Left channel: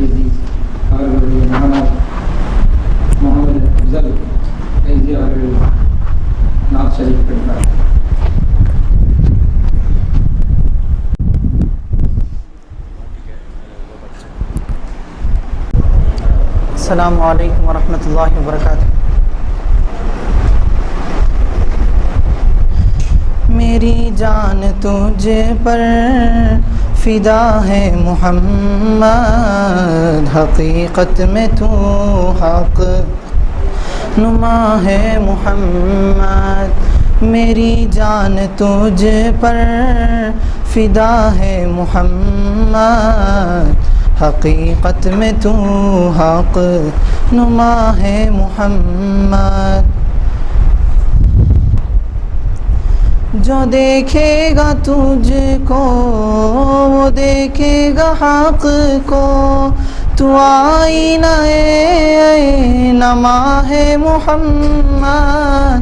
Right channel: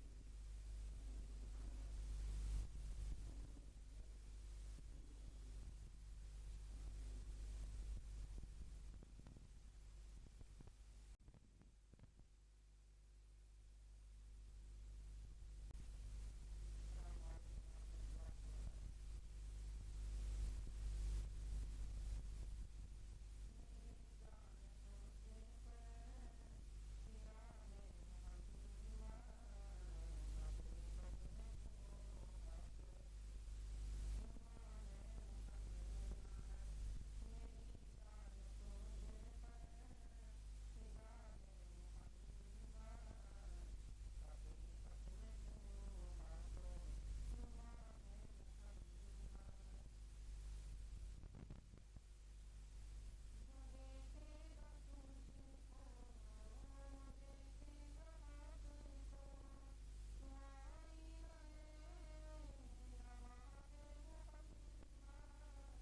ஃபைசி அவர்களுடைய மகனார் முகமது அப்சல் ஃபைசி அவர்கள் நாத் ஷரீஃப் படித்தார். السلام علیکم ورحمۃ اللہ وبرکاتہ. میری جان تجھ پر فدا ہے محمد، حقیقت میں تو حق نما ہے محمد. میری جان تجھ پر فدا ہے محمد، حقیقت میں تو حق نما ہے محمد. جو دیکھے گا تجھ کو وہ دیکھے گا حق کو، تو آئینہ نما ہے محمد،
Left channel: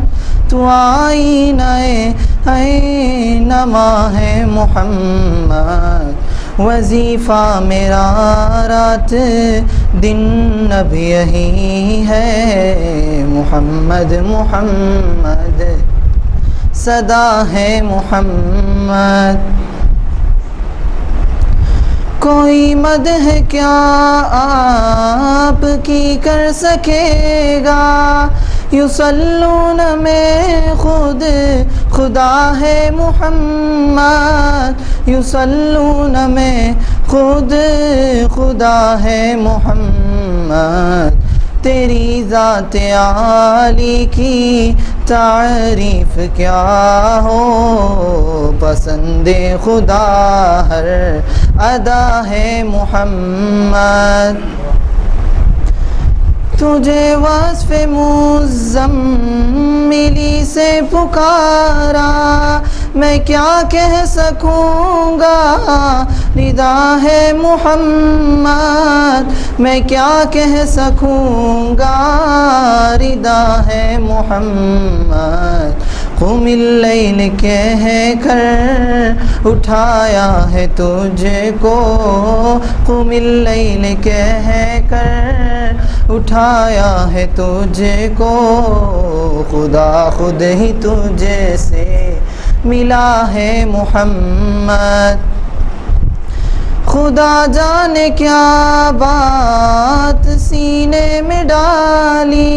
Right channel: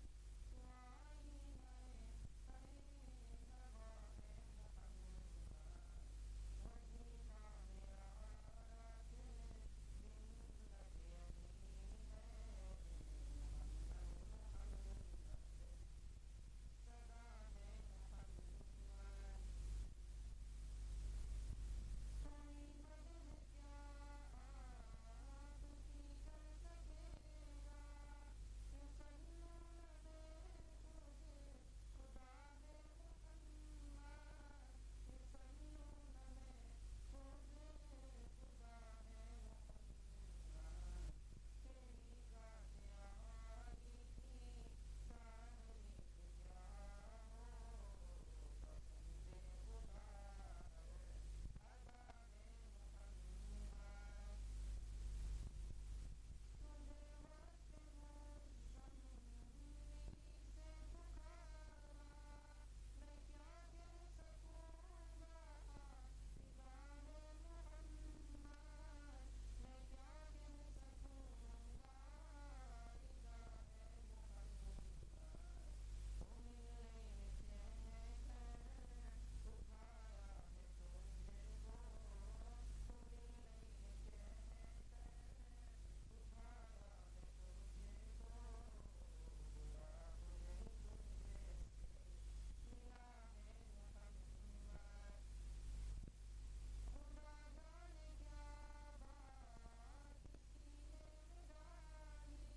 تو آئینہ نما ہے محمد. وظیفہ میرا رات دن اب یہی ہے، محمد محمد صدا ہے محمد. کوئی مدح کیا آپ کی کر سکے گا، یصلون میں خود خدا ہے محمد، یصلون میں خود خدا ہے محمد. تیری ذات عالی کی تعریف کیا ہو، پسند خدا ہر ادا ہے محمد. تجھے وصف مزملی سے پکارا، میں کیا کہہ سکوں گا، رضا ہے محمد، میں کیا کہہ سکوں گا، رضا ہے محمد. قم اللیل کہہ کر اٹھایا ہے تجھ کو، قم اللیل کہہ کر اٹھایا ہے تجھ کو، خدا خود ہی تجھ سے ملا ہے محمد. خدا جانے کیا بات سینے میں ڈالی،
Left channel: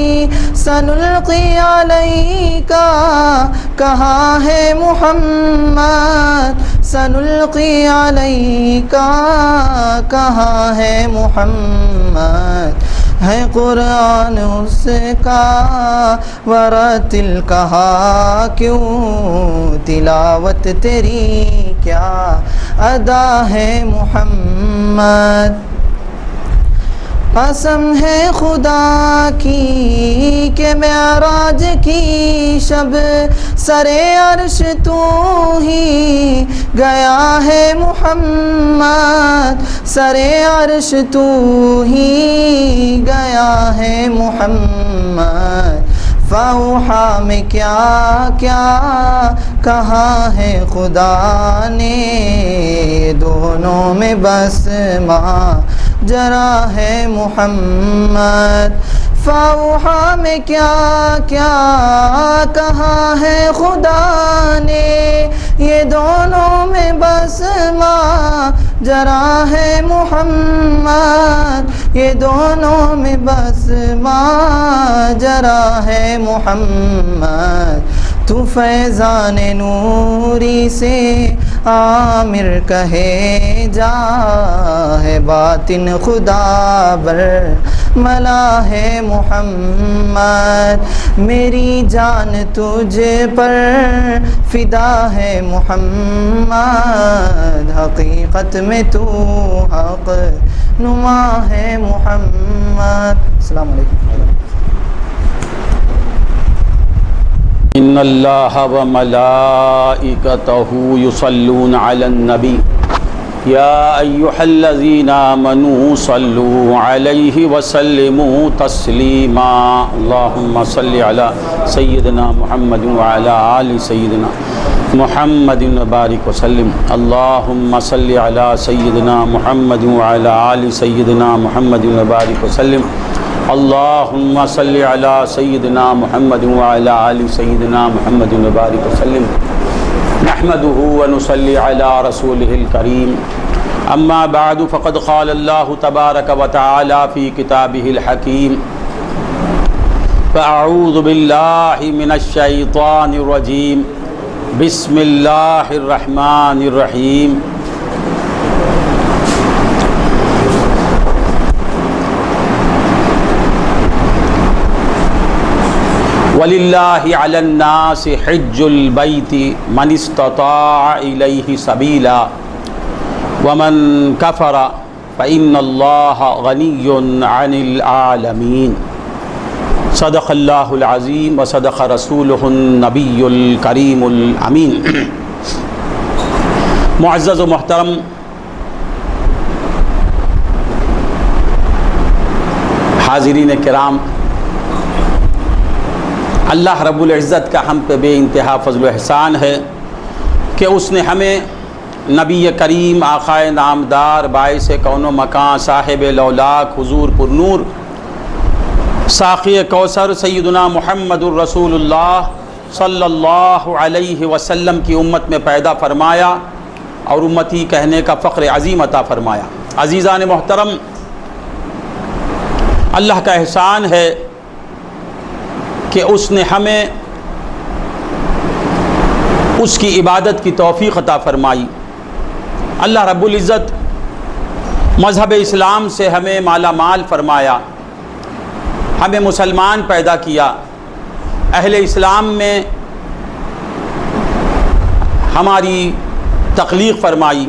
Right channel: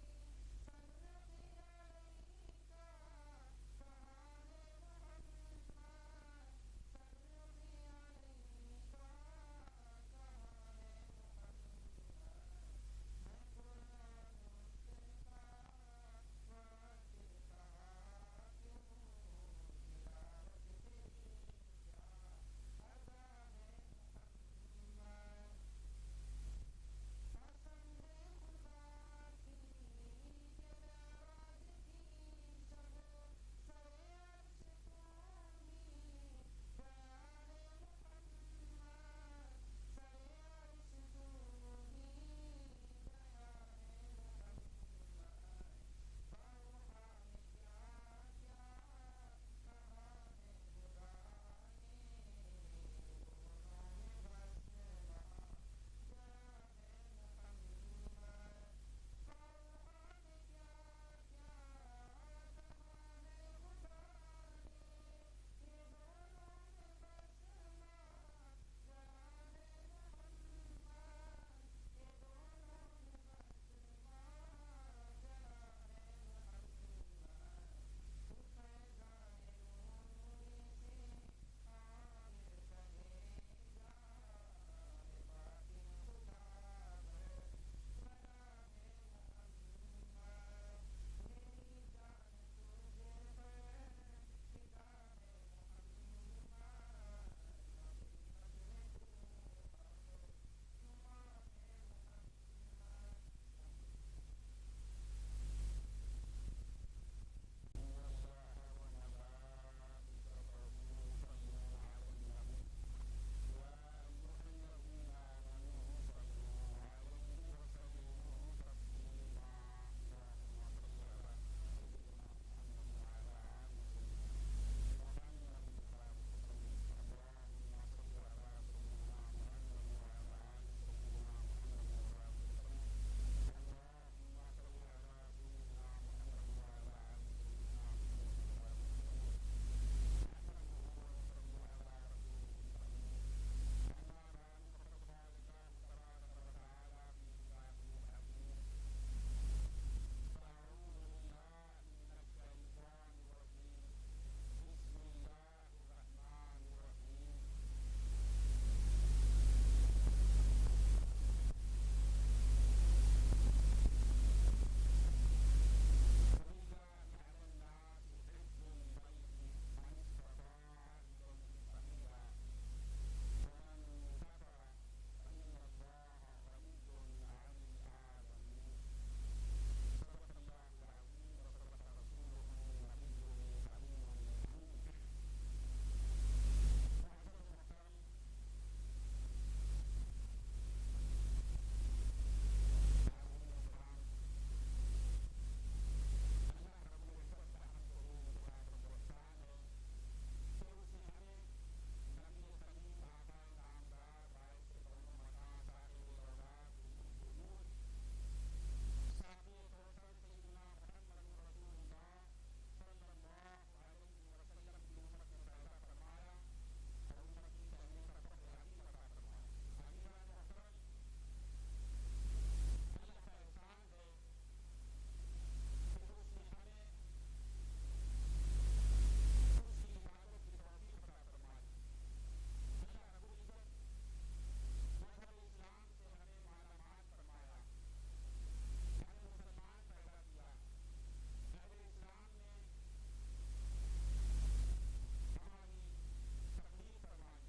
سنلقی علیک کہا ہے محمد، سنلقی علیک کہا ہے محمد. ہے قرآن اس کا ورتل کہا، کیوں تلاوت تیری کیا ادا ہے محمد. قسم ہے خدا کی کہ معراج کی شب سر عرش تو ہی گیا ہے محمد، سر عرش تو ہی گیا ہے محمد. فاوحا میں کیا کیا کہا ہے خدا نے، دونوں میں بس ماجرا ہے محمد. فاوحا میں کیا کیا کہا ہے خدا نے، یہ دونوں میں بس ماجرا ہے محمد، یہ دونوں میں بس ماجرا ہے محمد. تو فیضان نوری سے عامر کہے جا، ہے باطن خدا بر ملا ہے محمد. میری جان تجھ پر فدا ہے محمد، حقیقت میں تو حق نما ہے محمد. السلام علیکم. ان اللہ و ملائکتہ یصلون علی النبی يا أيها الذين آمنوا صلوا عليه وسلموا تسليما اللهم صل على سيدنا محمد وعلى آل سيدنا محمد وبارك وسلم اللهم صل على سيدنا محمد وعلى آل سيدنا محمد وبارك وسلم اللهم صل على سيدنا محمد وعلى آل سيدنا محمد وبارك وسلم نحمده ونصلي على رسوله الكريم اما بعد فقد قال الله تبارك وتعالى في كتابه الحكيم فأعوذ بالله من الشيطان الرجيم بسم الله الرحمن الرحيم وَلِلَّهِ عَلَى النَّاسِ حِجُّ الْبَيْتِ مَنِ اسْتَطَاعَ إِلَيْهِ سَبِيلًا وَمَنْ كَفَرَ فَإِنَّ اللَّهَ غَنِيٌّ عَنِ الْعَالَمِينَ صدق اللہ العظیم وصدق رسولہ النبی الکریم الامین۔ معزز و محترم حاضرین کرام، اللہ رب العزت کا ہم پہ بے انتہا فضل و احسان ہے کہ اس نے ہمیں نبی کریم آقائے نامدار باعث کون و مکان صاحب لولاک حضور پر نور ساقی کوثر سیدنا محمد الرسول اللہ صلی اللہ علیہ وسلم کی امت میں پیدا فرمایا اور امتی کہنے کا فخر عظیم عطا فرمایا۔ عزیزان محترم، اللہ کا احسان ہے کہ اس نے ہمیں اس کی عبادت کی توفیق عطا فرمائی۔ اللہ رب العزت مذہب اسلام سے ہمیں مالا مال فرمایا، ہمیں مسلمان پیدا کیا، اہل اسلام میں ہماری تخلیق فرمائی،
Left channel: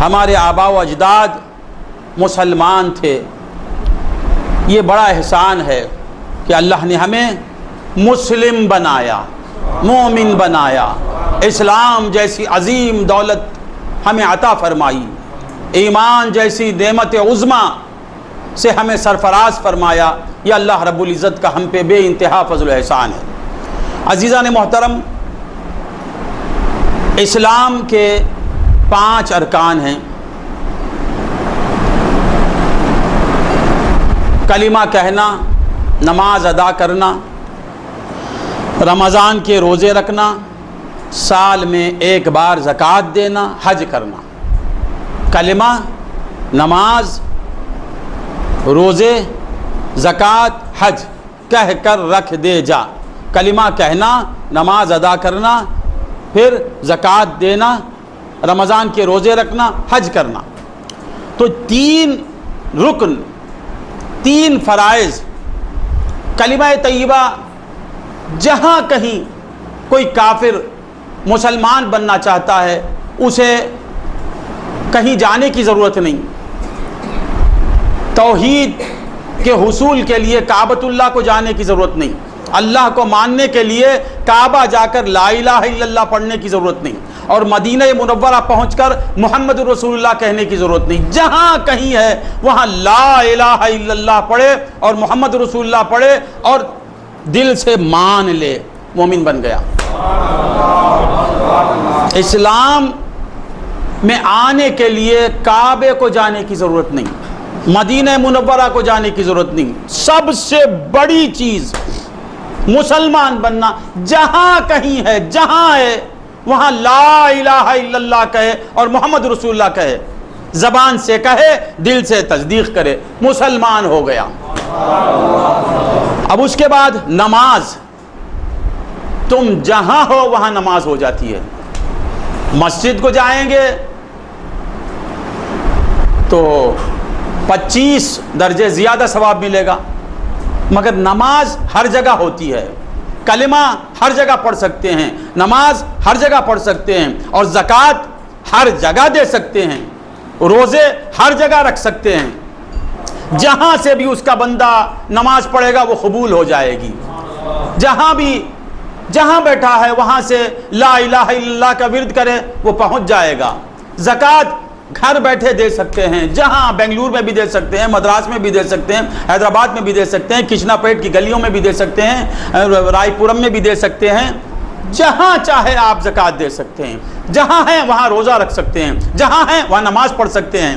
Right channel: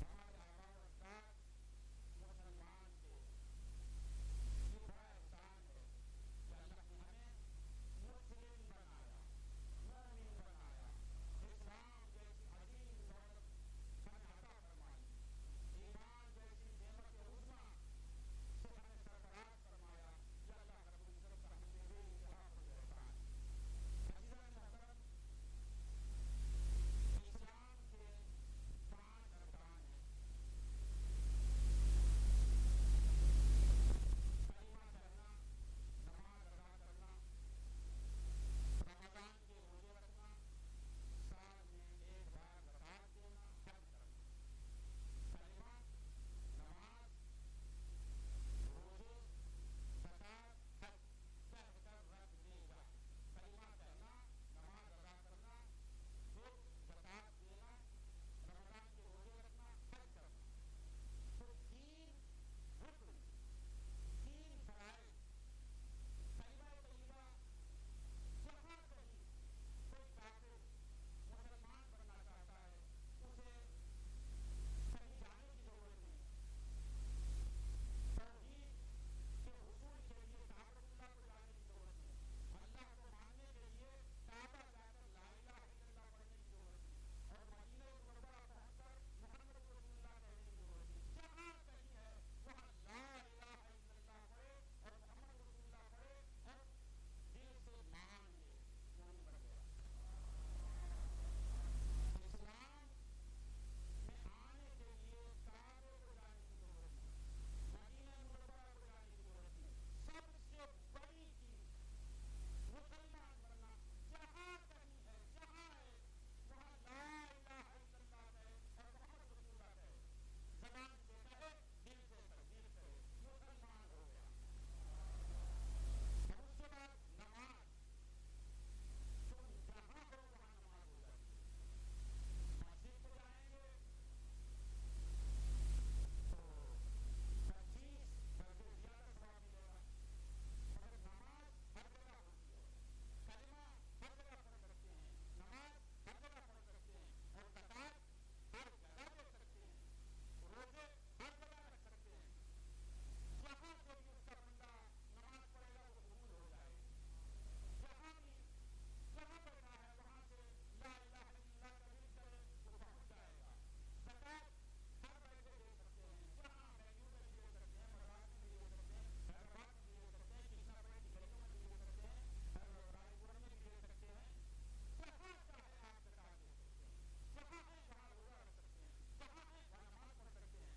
ہمارے آباء و اجداد مسلمان تھے۔ یہ بڑا احسان ہے کہ اللہ نے ہمیں مسلم بنایا، مومن بنایا، اسلام جیسی عظیم دولت ہمیں عطا فرمائی، ایمان جیسی نعمت عظمیٰ سے ہمیں سرفراز فرمایا۔ یہ اللہ رب العزت کا ہم پہ بے انتہا فضل و احسان ہے۔ عزیزان محترم، اسلام کے 5 ارکان ہیں۔ کلمہ کہنا، نماز ادا کرنا، رمضان کے روزے رکھنا، سال میں 1 بار زکوٰۃ دینا، حج کرنا۔ کلمہ، نماز، روزے، زکوٰۃ، حج کہہ کر رکھ دے جا۔ کلمہ کہنا، نماز ادا کرنا، پھر زکوٰۃ دینا، رمضان کے روزے رکھنا، حج کرنا۔ تو 3 رکن، 3 فرائض، کلمہ طیبہ جہاں کہیں کوئی کافر مسلمان بننا چاہتا ہے اسے کہیں جانے کی ضرورت نہیں۔ توحید کے حصول کے لیے کعبۃ اللہ کو جانے کی ضرورت نہیں، اللہ کو ماننے کے لیے کعبہ جا کر لا الہ الا اللہ پڑھنے کی ضرورت نہیں، اور مدینہ منورہ پہنچ کر محمد رسول اللہ کہنے کی ضرورت نہیں۔ جہاں کہیں ہے وہاں لا الہ الا اللہ پڑھے اور محمد رسول اللہ پڑھے اور دل سے مان لے، مومن بن گیا۔ اسلام میں آنے کے لیے کعبے کو جانے کی ضرورت نہیں، مدینہ منورہ کو جانے کی ضرورت نہیں۔ سب سے بڑی چیز مسلمان بننا، جہاں کہیں ہے، جہاں ہے وہاں لا الہ الا اللہ کہے اور محمد رسول اللہ کہے، زبان سے کہے، دل سے تصدیق کرے، مسلمان ہو گیا۔ اب اس کے بعد نماز، تم جہاں ہو وہاں نماز ہو جاتی ہے۔ مسجد کو جائیں گے تو 25 درجے زیادہ ثواب ملے گا، مگر نماز ہر جگہ ہوتی ہے، کلمہ ہر جگہ پڑھ سکتے ہیں، نماز ہر جگہ پڑھ سکتے ہیں، اور زکوٰۃ ہر جگہ دے سکتے ہیں، روزے ہر جگہ رکھ سکتے ہیں۔ جہاں سے بھی اس کا بندہ نماز پڑھے گا وہ قبول ہو جائے گی۔ جہاں بیٹھا ہے وہاں سے لا الہ الا اللہ کا ورد کرے وہ پہنچ جائے گا۔ زکوٰۃ گھر بیٹھے دے سکتے ہیں، جہاں بنگلور میں بھی دے سکتے ہیں، مدراس میں بھی دے سکتے ہیں، حیدرآباد میں بھی دے سکتے ہیں، کشنا پیٹ کی گلیوں میں بھی دے سکتے ہیں، رائے پورم میں بھی دے سکتے ہیں، جہاں چاہے آپ زکوٰۃ دے سکتے ہیں، جہاں ہیں وہاں روزہ رکھ سکتے ہیں، جہاں ہیں وہاں نماز پڑھ سکتے ہیں۔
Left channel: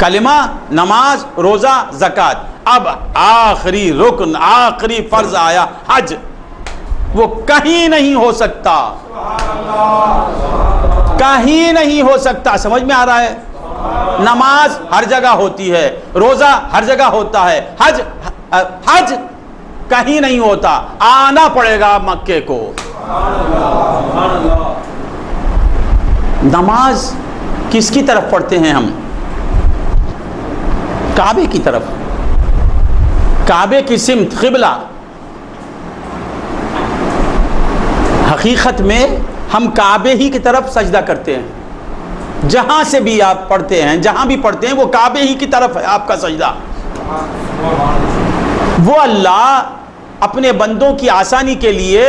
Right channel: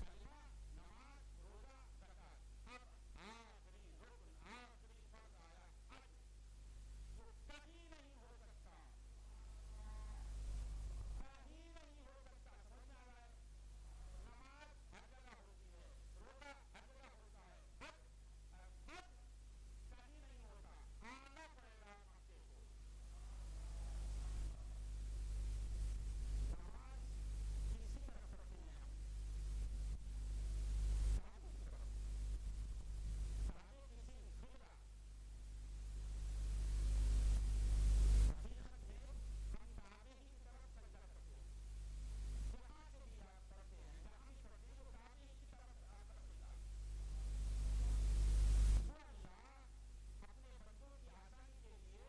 کلمہ، نماز، روزہ، زکوٰۃ۔ اب آخری رکن، آخری فرض آیا حج، وہ کہیں نہیں ہو سکتا، کہیں نہیں ہو سکتا۔ سمجھ میں آ رہا ہے؟ نماز ہر جگہ ہوتی ہے، روزہ ہر جگہ ہوتا ہے، حج کہیں نہیں ہوتا، آنا پڑے گا مکے کو۔ نماز کس کی طرف پڑھتے ہیں ہم؟ کعبے کی طرف، کعبے کی سمت، قبلہ۔ حقیقت میں ہم کعبے ہی کی طرف سجدہ کرتے ہیں، جہاں سے بھی آپ پڑھتے ہیں، جہاں بھی پڑھتے ہیں وہ کعبے ہی کی طرف ہے آپ کا سجدہ۔ وہ اللہ اپنے بندوں کی آسانی کے لیے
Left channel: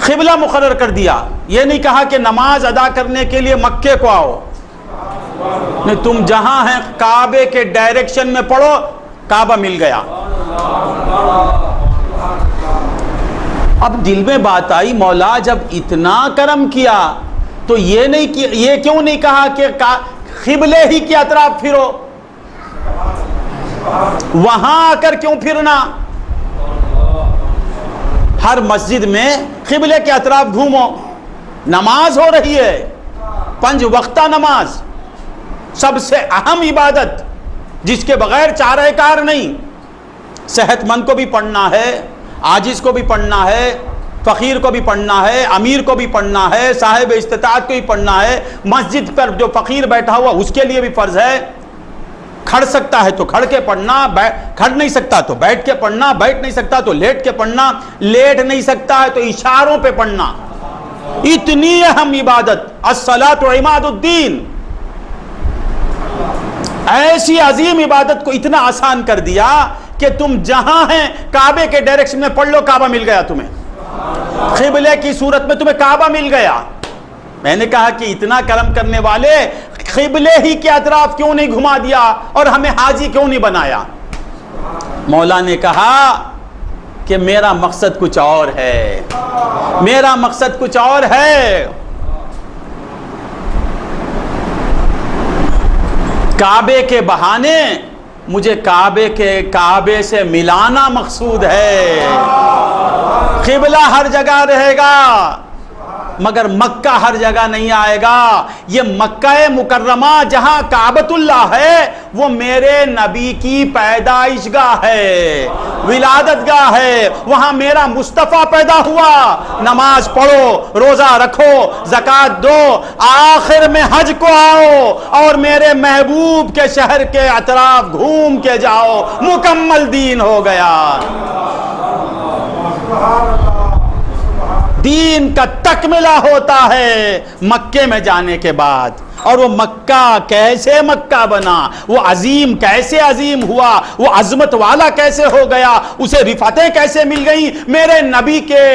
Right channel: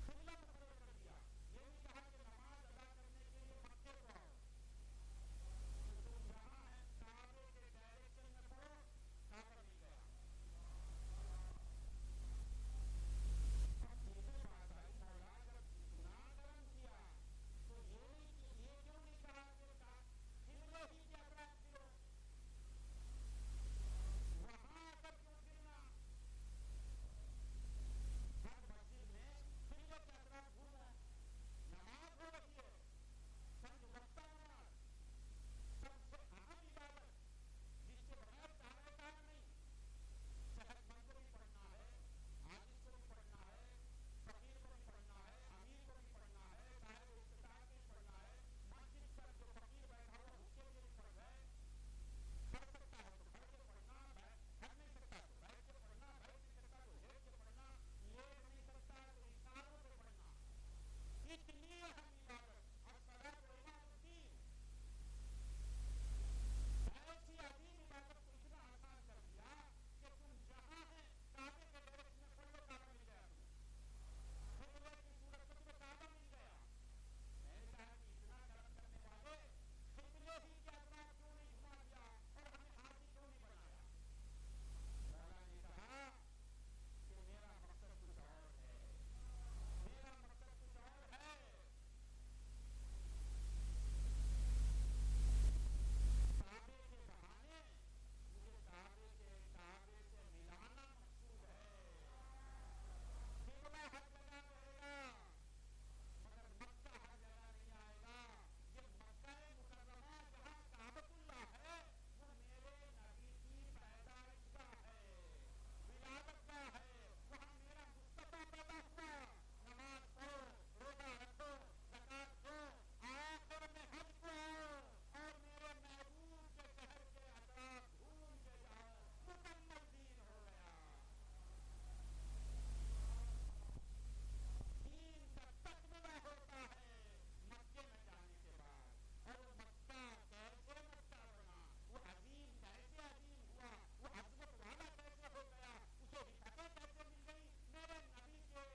قبلہ مقرر کر دیا، یہ نہیں کہا کہ نماز ادا کرنے کے لیے مکے کو آؤ، نہیں، تم جہاں ہیں کعبے کے ڈائریکشن میں پڑھو، کعبہ مل گیا۔ اب دل میں بات آئی، مولا جب اتنا کرم کیا تو یہ کیوں نہیں کہا کہ قبلے ہی کے اطراف پھرو، وہاں آ کر کیوں پھرنا؟ ہر مسجد میں قبلے کے اطراف گھومو، نماز ہو رہی ہے، 5 وقتہ نماز، سب سے اہم عبادت جس کے بغیر چارہ کار نہیں۔ صحت مند کو بھی پڑھنا ہے، عاجز کو بھی پڑھنا ہے، فقیر کو بھی پڑھنا ہے، امیر کو بھی پڑھنا ہے، صاحب استطاعت کو بھی پڑھنا ہے۔ مسجد پر جو فقیر بیٹھا ہوا اس کے لیے بھی فرض ہے، کھڑ سکتا ہے تو کھڑ کے پڑھنا، کھڑ نہیں سکتا تو بیٹھ کے پڑھنا، بیٹھ نہیں سکتا تو لیٹ کے پڑھنا، لیٹ نہیں سکتا ہے تو اشاروں پہ پڑھنا۔ اتنی اہم عبادت، الصلاۃ عماد الدین، ایسی عظیم عبادت کو اتنا آسان کر دیا کہ تم جہاں ہیں کعبے کے ڈائریکشن میں پڑھ لو، کعبہ مل گیا تمہیں، قبلے کی صورت میں تمہیں کعبہ مل گیا۔ میں نے کہا کہ اتنا کرم کرنے والے قبلے ہی کے اطراف کیوں نہیں گھما دیا اور ہمیں حاجی کیوں نہیں بنایا؟ مولا نے کہا کہ میرا مقصد کچھ اور ہے، میرا مقصد کچھ اور ہے۔ کعبے کے بہانے مجھے کعبے سے ملانا مقصود ہے۔ قبلہ ہر جگہ رہے گا مگر مکہ ہر جگہ نہیں آئے گا۔ یہ مکہ مکرمہ جہاں کعبۃ اللہ ہے وہ میرے نبی کی پیدائش گاہ ہے، ولادت گاہ ہے، وہاں میرا مصطفیٰ پیدا ہوا۔ نماز پڑھو، روزہ رکھو، زکوٰۃ دو، آخر میں حج کو آؤ اور میرے محبوب کے شہر کے اطراف گھوم کے جاؤ، مکمل دین ہو گیا۔ دین کا تکملہ ہوتا ہے مکے میں جانے کے بعد۔ اور وہ مکہ کیسے مکہ بنا، وہ عظیم کیسے عظیم ہوا، وہ عظمت والا کیسے ہو گیا، اسے رفعتیں کیسے مل گئیں۔ میرے نبی کے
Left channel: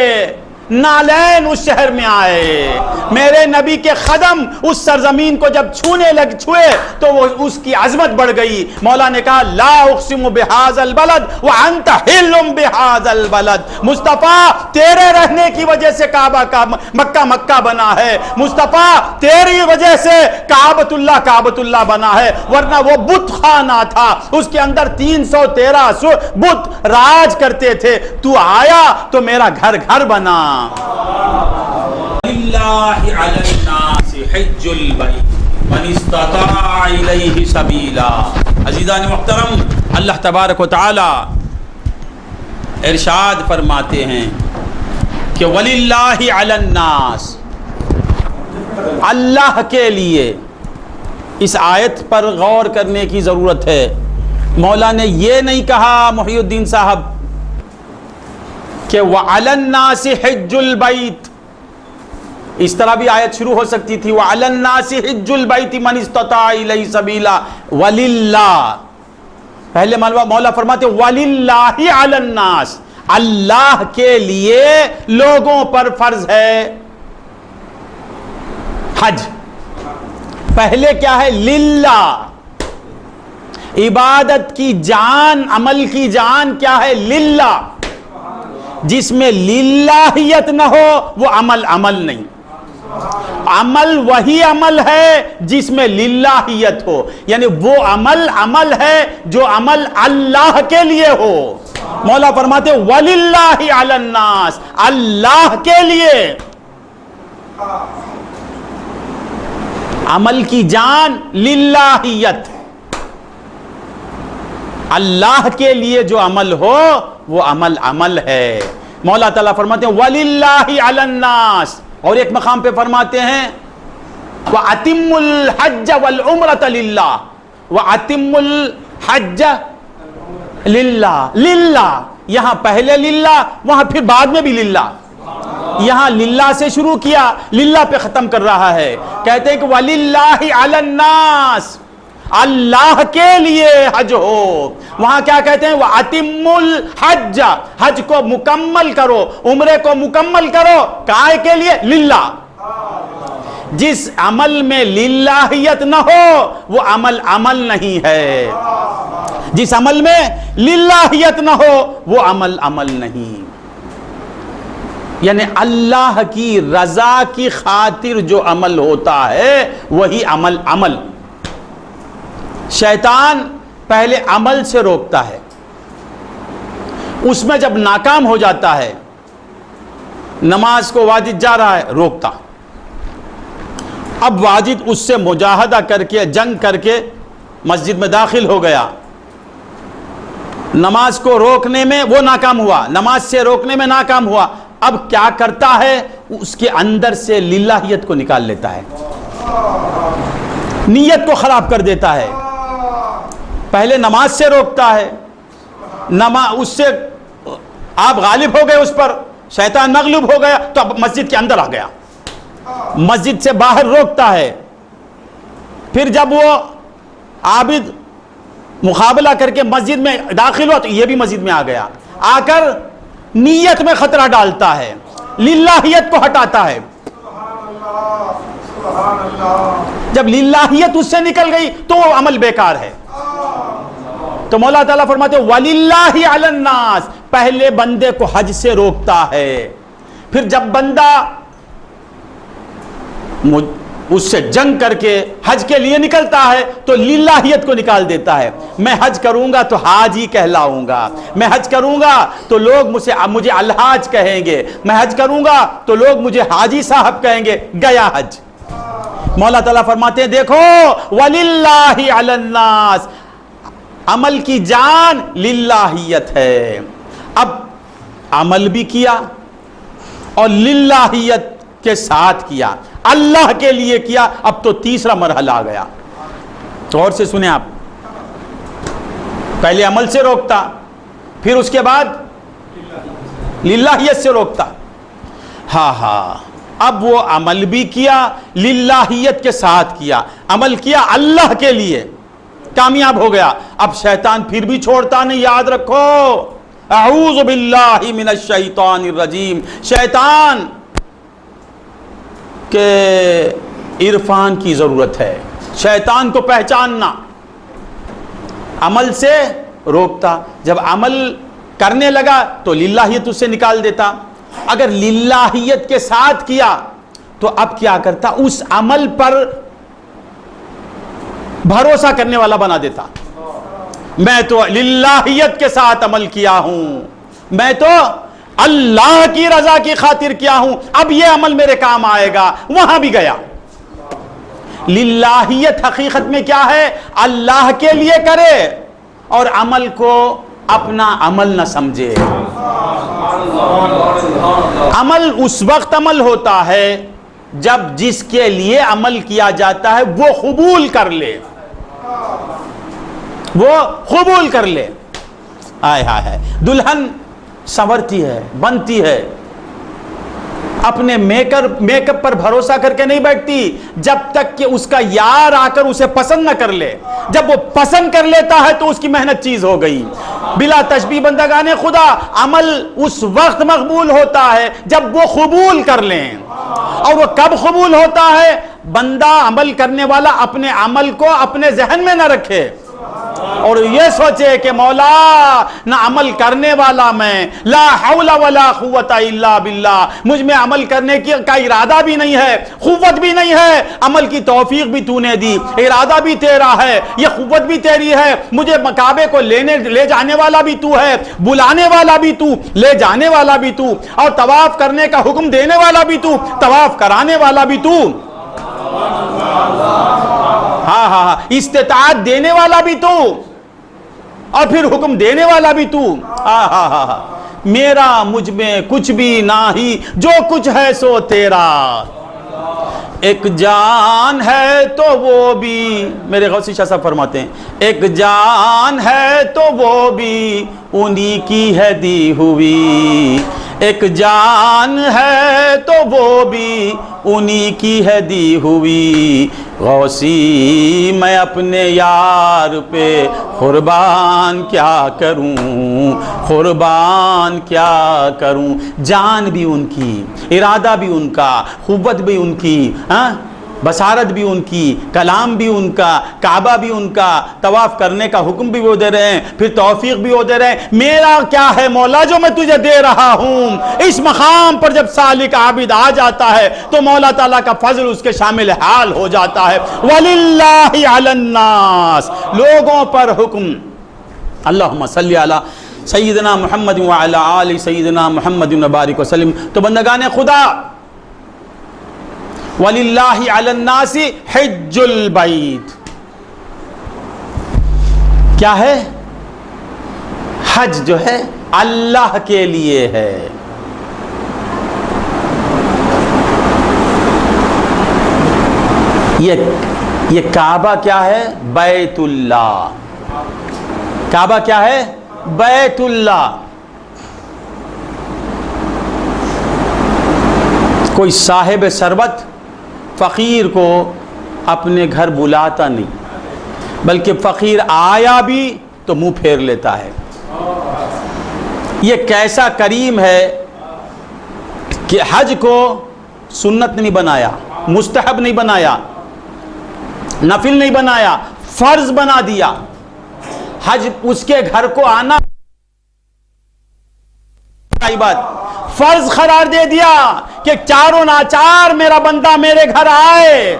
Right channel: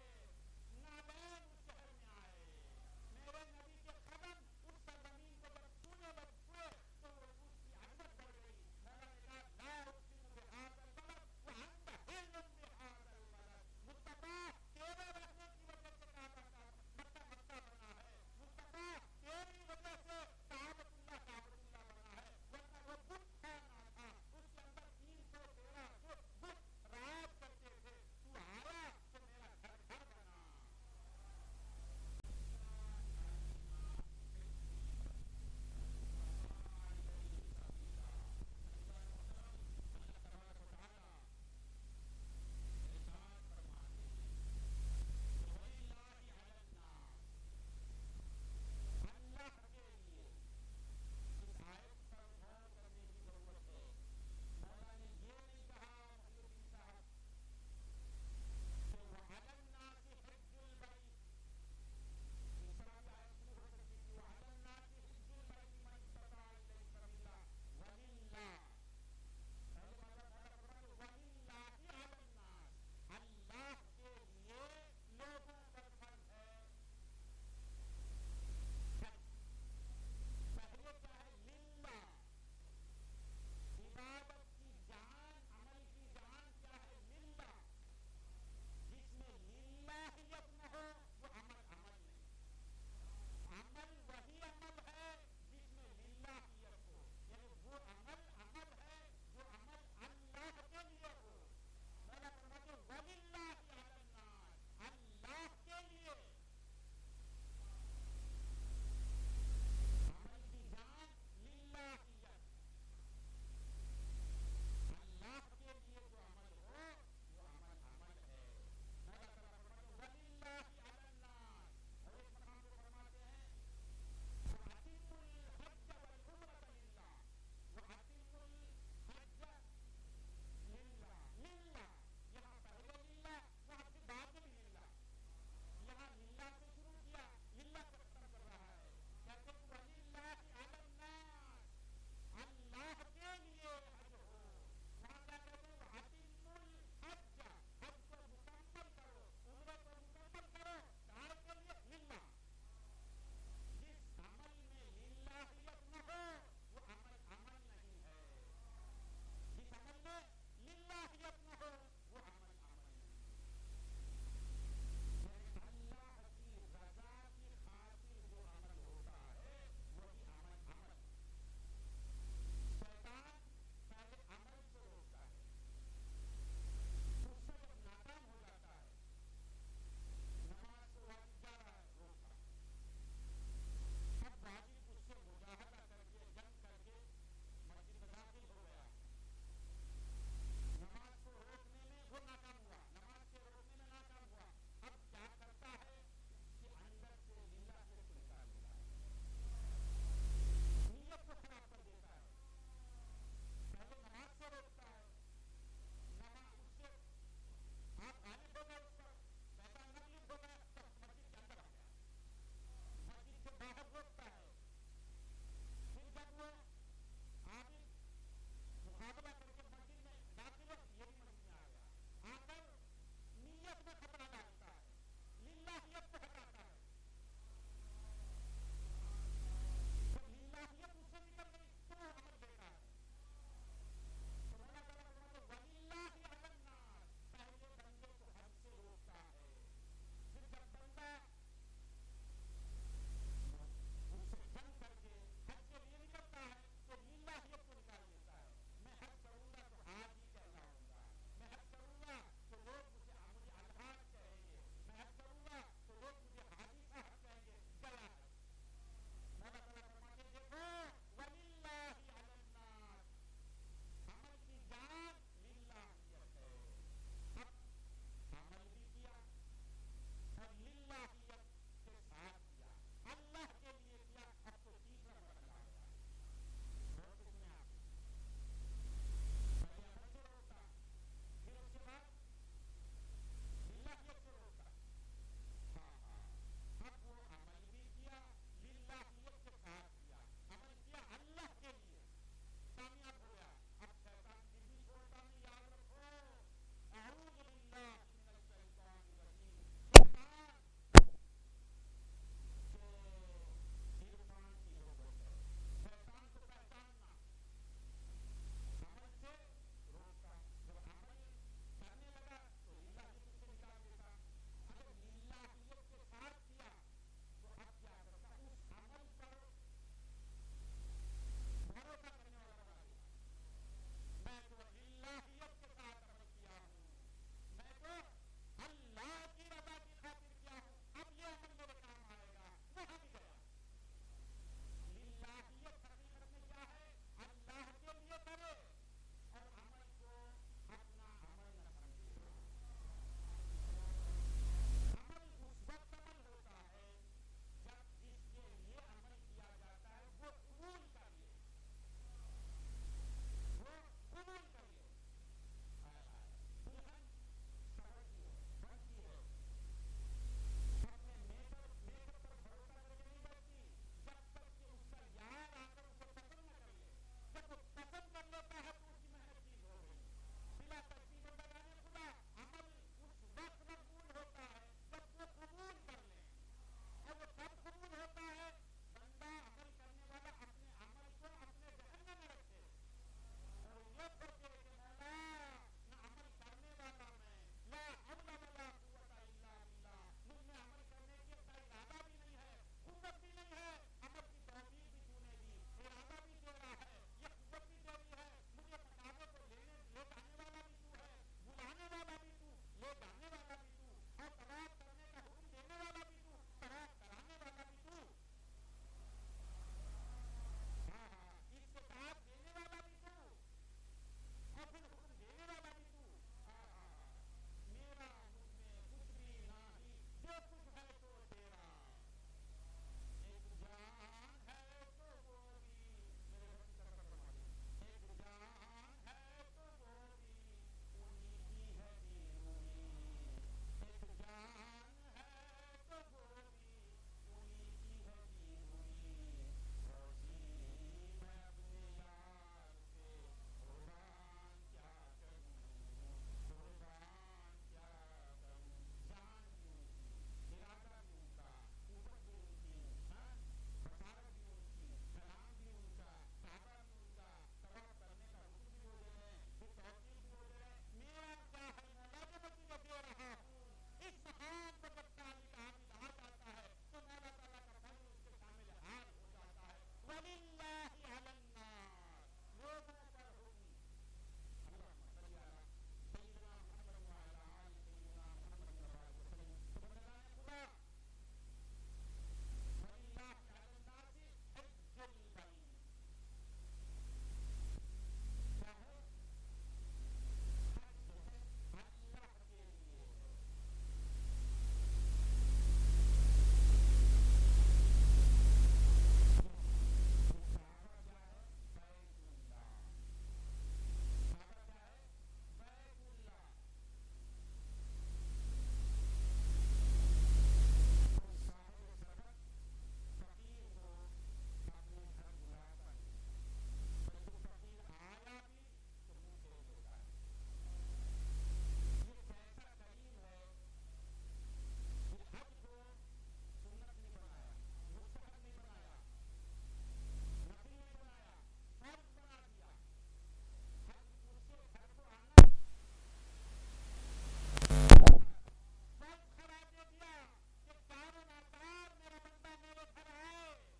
نالین اس شہر میں آئے، میرے نبی کے قدم اس سرزمین کو جب چھوئے تو وہ اس کی عظمت بڑھ گئی۔ مولا نے کہا لا اقسم بہذا البلد وانت حل بہذا البلد۔ مصطفیٰ تیرے رہنے کی وجہ سے کعبہ کا مکہ بنا ہے، مصطفیٰ تیری وجہ سے کعبۃ اللہ بنا ہے، ورنہ وہ بت خانہ تھا، اس کے اندر 313 بت راج کرتے تھے، تو آیا تو میرا گھر بنا۔ للہ علی الناس حج البیت من استطاع الیہ سبیلا۔ عزیزان محترم، اللہ تبارک و تعالی ارشاد فرماتے ہیں کہ وللہ علی الناس، اللہ کے لیے۔ اس آیت پر غور کرنے کی ضرورت ہے۔ مولا نے یہ نہیں کہا محی الدین صاحب کہ وَعَلَى النَّاسِ حِجُّ الْبَيْتِ، اس طرح بھی آیت شروع ہو سکتی تھی وَعَلَى النَّاسِ حِجُّ الْبَيْتِ مَنِ اسْتَطَاعَ إِلَيْهِ سَبِيلًا وَلِلَّهِ۔ پہلے مولا فرماتے وَلِلَّهِ عَلَى النَّاسِ، اللہ کے لیے لوگوں پر فرض ہے حج۔ پہلے کیا ہے؟ للہ. عبادت کی جان، عمل کی جان کیا ہے؟ للہ. جس میں للہیت نہ ہو وہ عمل نہیں. عمل وہی عمل ہے جس میں للہیت ہو، یعنی وہ عمل ہے جو عمل اللہ کے لیے ہو. مولا فرماتے وَلِلَّهِ عَلَى النَّاسِ، اللہ کے لیے. عمل کی جان للہیت، اللہ کے لیے جو عمل ہو وہ عمل ہے. مولا تعالیٰ فرماتے ہیں وَلِلَّهِ عَلَى النَّاسِ، اور ایک مقام پہ فرماتے ہیں وَأَتِمُّ الْحَجَّ وَالْعُمْرَةَ لِلَّهِ، وَأَتِمُّ الْحَجَّ لِلَّهِ. للہ، یہاں پہلے للہ، وہاں پھر بعد میں بھی للہ. یہاں للہ سے شروع کیا، للہ پہ ختم کر رہا ہے. کہتے ہیں کہ وَلِلَّهِ عَلَى النَّاسِ، اللہ کے لیے حج ہو. وہاں کیا کہتے ہیں؟ وَأَتِمُّ الْحَجَّ، حج کو مکمل کرو، عمرے کو مکمل کرو. کائے کے لیے؟ للہ. جس عمل میں للہیت نہ ہو وہ عمل نہیں ہے. جس عمل میں للہیت نہ ہو وہ عمل نہیں. یعنی اللہ کی رضا کی خاطر جو عمل ہوتا ہے وہی عمل. شیطان پہلے عمل سے روکتا ہے، اس میں جب ناکام ہو جاتا ہے، نماز کو واجد جا رہا ہے، روکتا. اب واجد اس سے مجاہدہ کر کے، جنگ کر کے مسجد میں داخل ہو گیا. نماز کو روکنے میں وہ ناکام ہوا، نماز سے روکنے میں ناکام ہوا. اب کیا کرتا ہے؟ اس کے اندر سے للہیت کو نکال لیتا ہے، نیت کو خراب کر دیتا ہے. پہلے نماز سے روکتا ہے، اس سے آپ غالب ہو گئے، اس پر شیطان مغلوب ہو گیا، تو اب مسجد کے اندر آ گیا، مسجد سے باہر روکتا ہے. پھر جب وہ عابد مقابلہ کر کے مسجد میں داخل ہوا تو یہ بھی مسجد میں آ گیا. آ کر نیت میں خطرہ ڈالتا ہے، للہیت کو ہٹاتا ہے. جب للہیت اس سے نکل گئی تو وہ عمل بیکار ہے. تو مولا تعالیٰ فرماتے ہیں وَلِلَّهِ عَلَى النَّاسِ، پہلے بندے کو حج سے روکتا ہے. پھر جب بندہ اس سے جنگ کر کے حج کے لیے نکلتا ہے تو للہیت کو نکال دیتا ہے. میں حج کروں گا تو حاجی کہلاؤں گا، میں حج کروں گا تو لوگ مجھے الحاج کہیں گے، میں حج کروں گا تو لوگ مجھے حاجی صاحب کہیں گے. گیا حج. مولا تعالیٰ فرماتے ہیں دیکھو وَلِلَّهِ عَلَى النَّاسِ، عمل کی جان للہیت ہے. اب عمل بھی کیا اور للہیت کے ساتھ کیا، اللہ کے لیے کیا. اب تو تیسرا مرحلہ آ گیا. غور سے سنیں آپ. پہلے عمل سے روکتا، پھر اس کے بعد للہیت سے روکتا. ہاں اب وہ عمل بھی کیا، للہیت کے ساتھ کیا. عمل کیا اللہ کے لیے، کامیاب ہو گیا. اب شیطان پھر بھی چھوڑتا نہیں. یاد رکھو اعوذ باللہ من الشیطان الرجیم. شیطان کے عرفان کی ضرورت ہے، شیطان کو پہچاننا. عمل سے روکتا، جب عمل کرنے لگا تو للہیت اس سے نکال دیتا. اگر للہیت کے ساتھ کیا تو اب کیا کرتا؟ اس عمل پر بھروسہ کرنے والا بنا دیتا. میں تو للہیت کے ساتھ عمل کیا ہوں، میں تو اللہ کی رضا کی خاطر کیا ہوں، اب یہ عمل میرے کام آئے گا. وہاں بھی گیا. للہیت حقیقت میں کیا ہے؟ اللہ کے لیے کرے اور عمل کو اپنا عمل نہ سمجھے. عمل اس وقت عمل ہوتا ہے جب جس کے لیے عمل کیا جاتا ہے وہ قبول کر لے، وہ قبول کر لے. آئے ہائے، دلہن سنورتی ہے، بنتی ہے، اپنے میک اپ پر بھروسہ کر کے نہیں بیٹھتی جب تک کہ اس کا یار آ کر اسے پسند نہ کر لے. جب وہ پسند کر لیتا ہے تو اس کی محنت چیز ہو گئی. بلا تشبیہ بندگان خدا، عمل اس وقت مقبول ہوتا ہے جب وہ قبول کر لیں. اور وہ کب قبول ہوتا ہے؟ بندہ عمل کرنے والا اپنے عمل کو اپنے ذہن میں نہ رکھے اور یہ سوچے کہ مولا نہ عمل کرنے والا میں، لا حول ولا قوت الا باللہ، مجھ میں عمل کرنے کا ارادہ بھی نہیں ہے، قوت بھی نہیں ہے، عمل کی توفیق بھی تو نے دی، ارادہ بھی تیرا ہے، یہ قوت بھی تیری ہے، مجھے کعبے کو لے جانے والا بھی تو ہے، بلانے والا بھی تو، لے جانے والا بھی تو، اور طواف کرنے کا حکم دینے والا بھی تو، طواف کرانے والا بھی تو، ہاں استطاعت دینے والا بھی تو، اور پھر حکم دینے والا بھی تو، میرا مجھ میں کچھ بھی نہیں، جو کچھ ہے سو تیرا، ایک جان ہے تو وہ بھی، میرے غوثی شاہ صاحب فرماتے ہیں ایک جان ہے تو وہ بھی انہی کی ہے دی ہوئی، ایک جان ہے تو وہ بھی انہی کی ہے دی ہوئی، غوثی میں اپنے یار پہ قربان کیا کروں، قربان کیا کروں، جان بھی ان کی، ارادہ بھی ان کا، قوت بھی ان کی، بصارت بھی ان کی، کلام بھی ان کا، کعبہ بھی ان کا، طواف کرنے کا حکم بھی وہ دے رہے ہیں، پھر توفیق بھی وہ دے رہے ہیں، میرا کیا ہے مولا جو میں تجھے دے رہا ہوں؟ اس مقام پر جب سالک عابد آ جاتا ہے تو مولا تعالیٰ کا فضل اس کے شامل حال ہو جاتا ہے، وَلِلَّهِ عَلَى النَّاسِ، لوگوں پر حکم، اللہم صلی علی سیدنا محمد وعلی آل سیدنا محمد وبارک وسلم۔ تو بندگان خدا، وَلِلَّهِ عَلَى النَّاسِ حِجُّ الْبَيْتِ، کیا ہے؟ حج جو ہے اللہ کے لیے ہے، یہ کعبہ کیا ہے؟ بیت اللہ، کعبہ کیا ہے؟ بیت اللہ۔ کوئی صاحب ثروت فقیر کو اپنے گھر بلاتا نہیں، بلکہ فقیر آیا بھی تو منہ پھیر لیتا ہے۔ یہ کیسا کریم ہے کہ حج کو سنت نہیں بنایا، مستحب نہیں بنایا، نفل نہیں بنایا، فرض بنا دیا۔ حج اس کے گھر کو آنا بات فرض قرار دے دیا کہ چاروں ناچار میرا بندہ میرے گھر آئے۔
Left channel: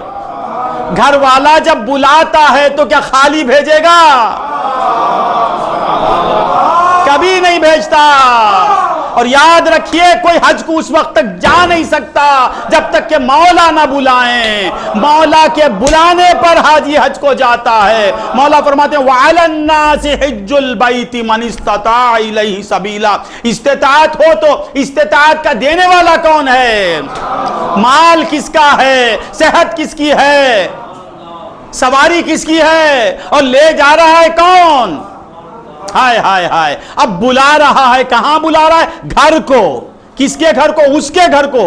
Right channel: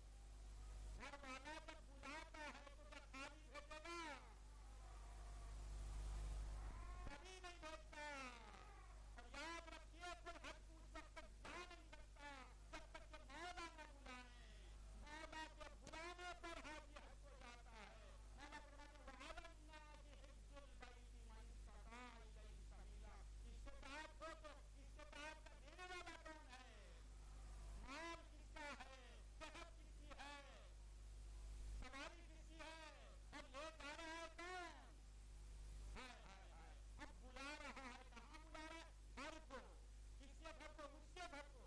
گھر والا جب بلاتا ہے تو کیا خالی بھیجے گا؟ کبھی نہیں بھیجتا۔ اور یاد رکھیے کوئی حج کو اس وقت تک جا نہیں سکتا جب تک کہ مولا نہ بلائیں۔ مولا کے بلانے پر حاجی حج کو جاتا ہے۔ مولا فرماتے ہیں وَعَلَى النَّاسِ حِجُّ الْبَيْتِ مَنِ اسْتَطَاعَ إِلَيْهِ سَبِيلًا، استطاعت ہو تو استطاعت کا دینے والا کون ہے؟ مال کس کا ہے؟ صحت کس کی ہے؟ سواری کس کی ہے؟ اور لے جا رہا ہے کون؟ ہائے ہائے ہائے، اب بلا رہا ہے، کہاں بلا رہا ہے؟ گھر کو۔ کس کے گھر کو؟ اس کے گھر کو۔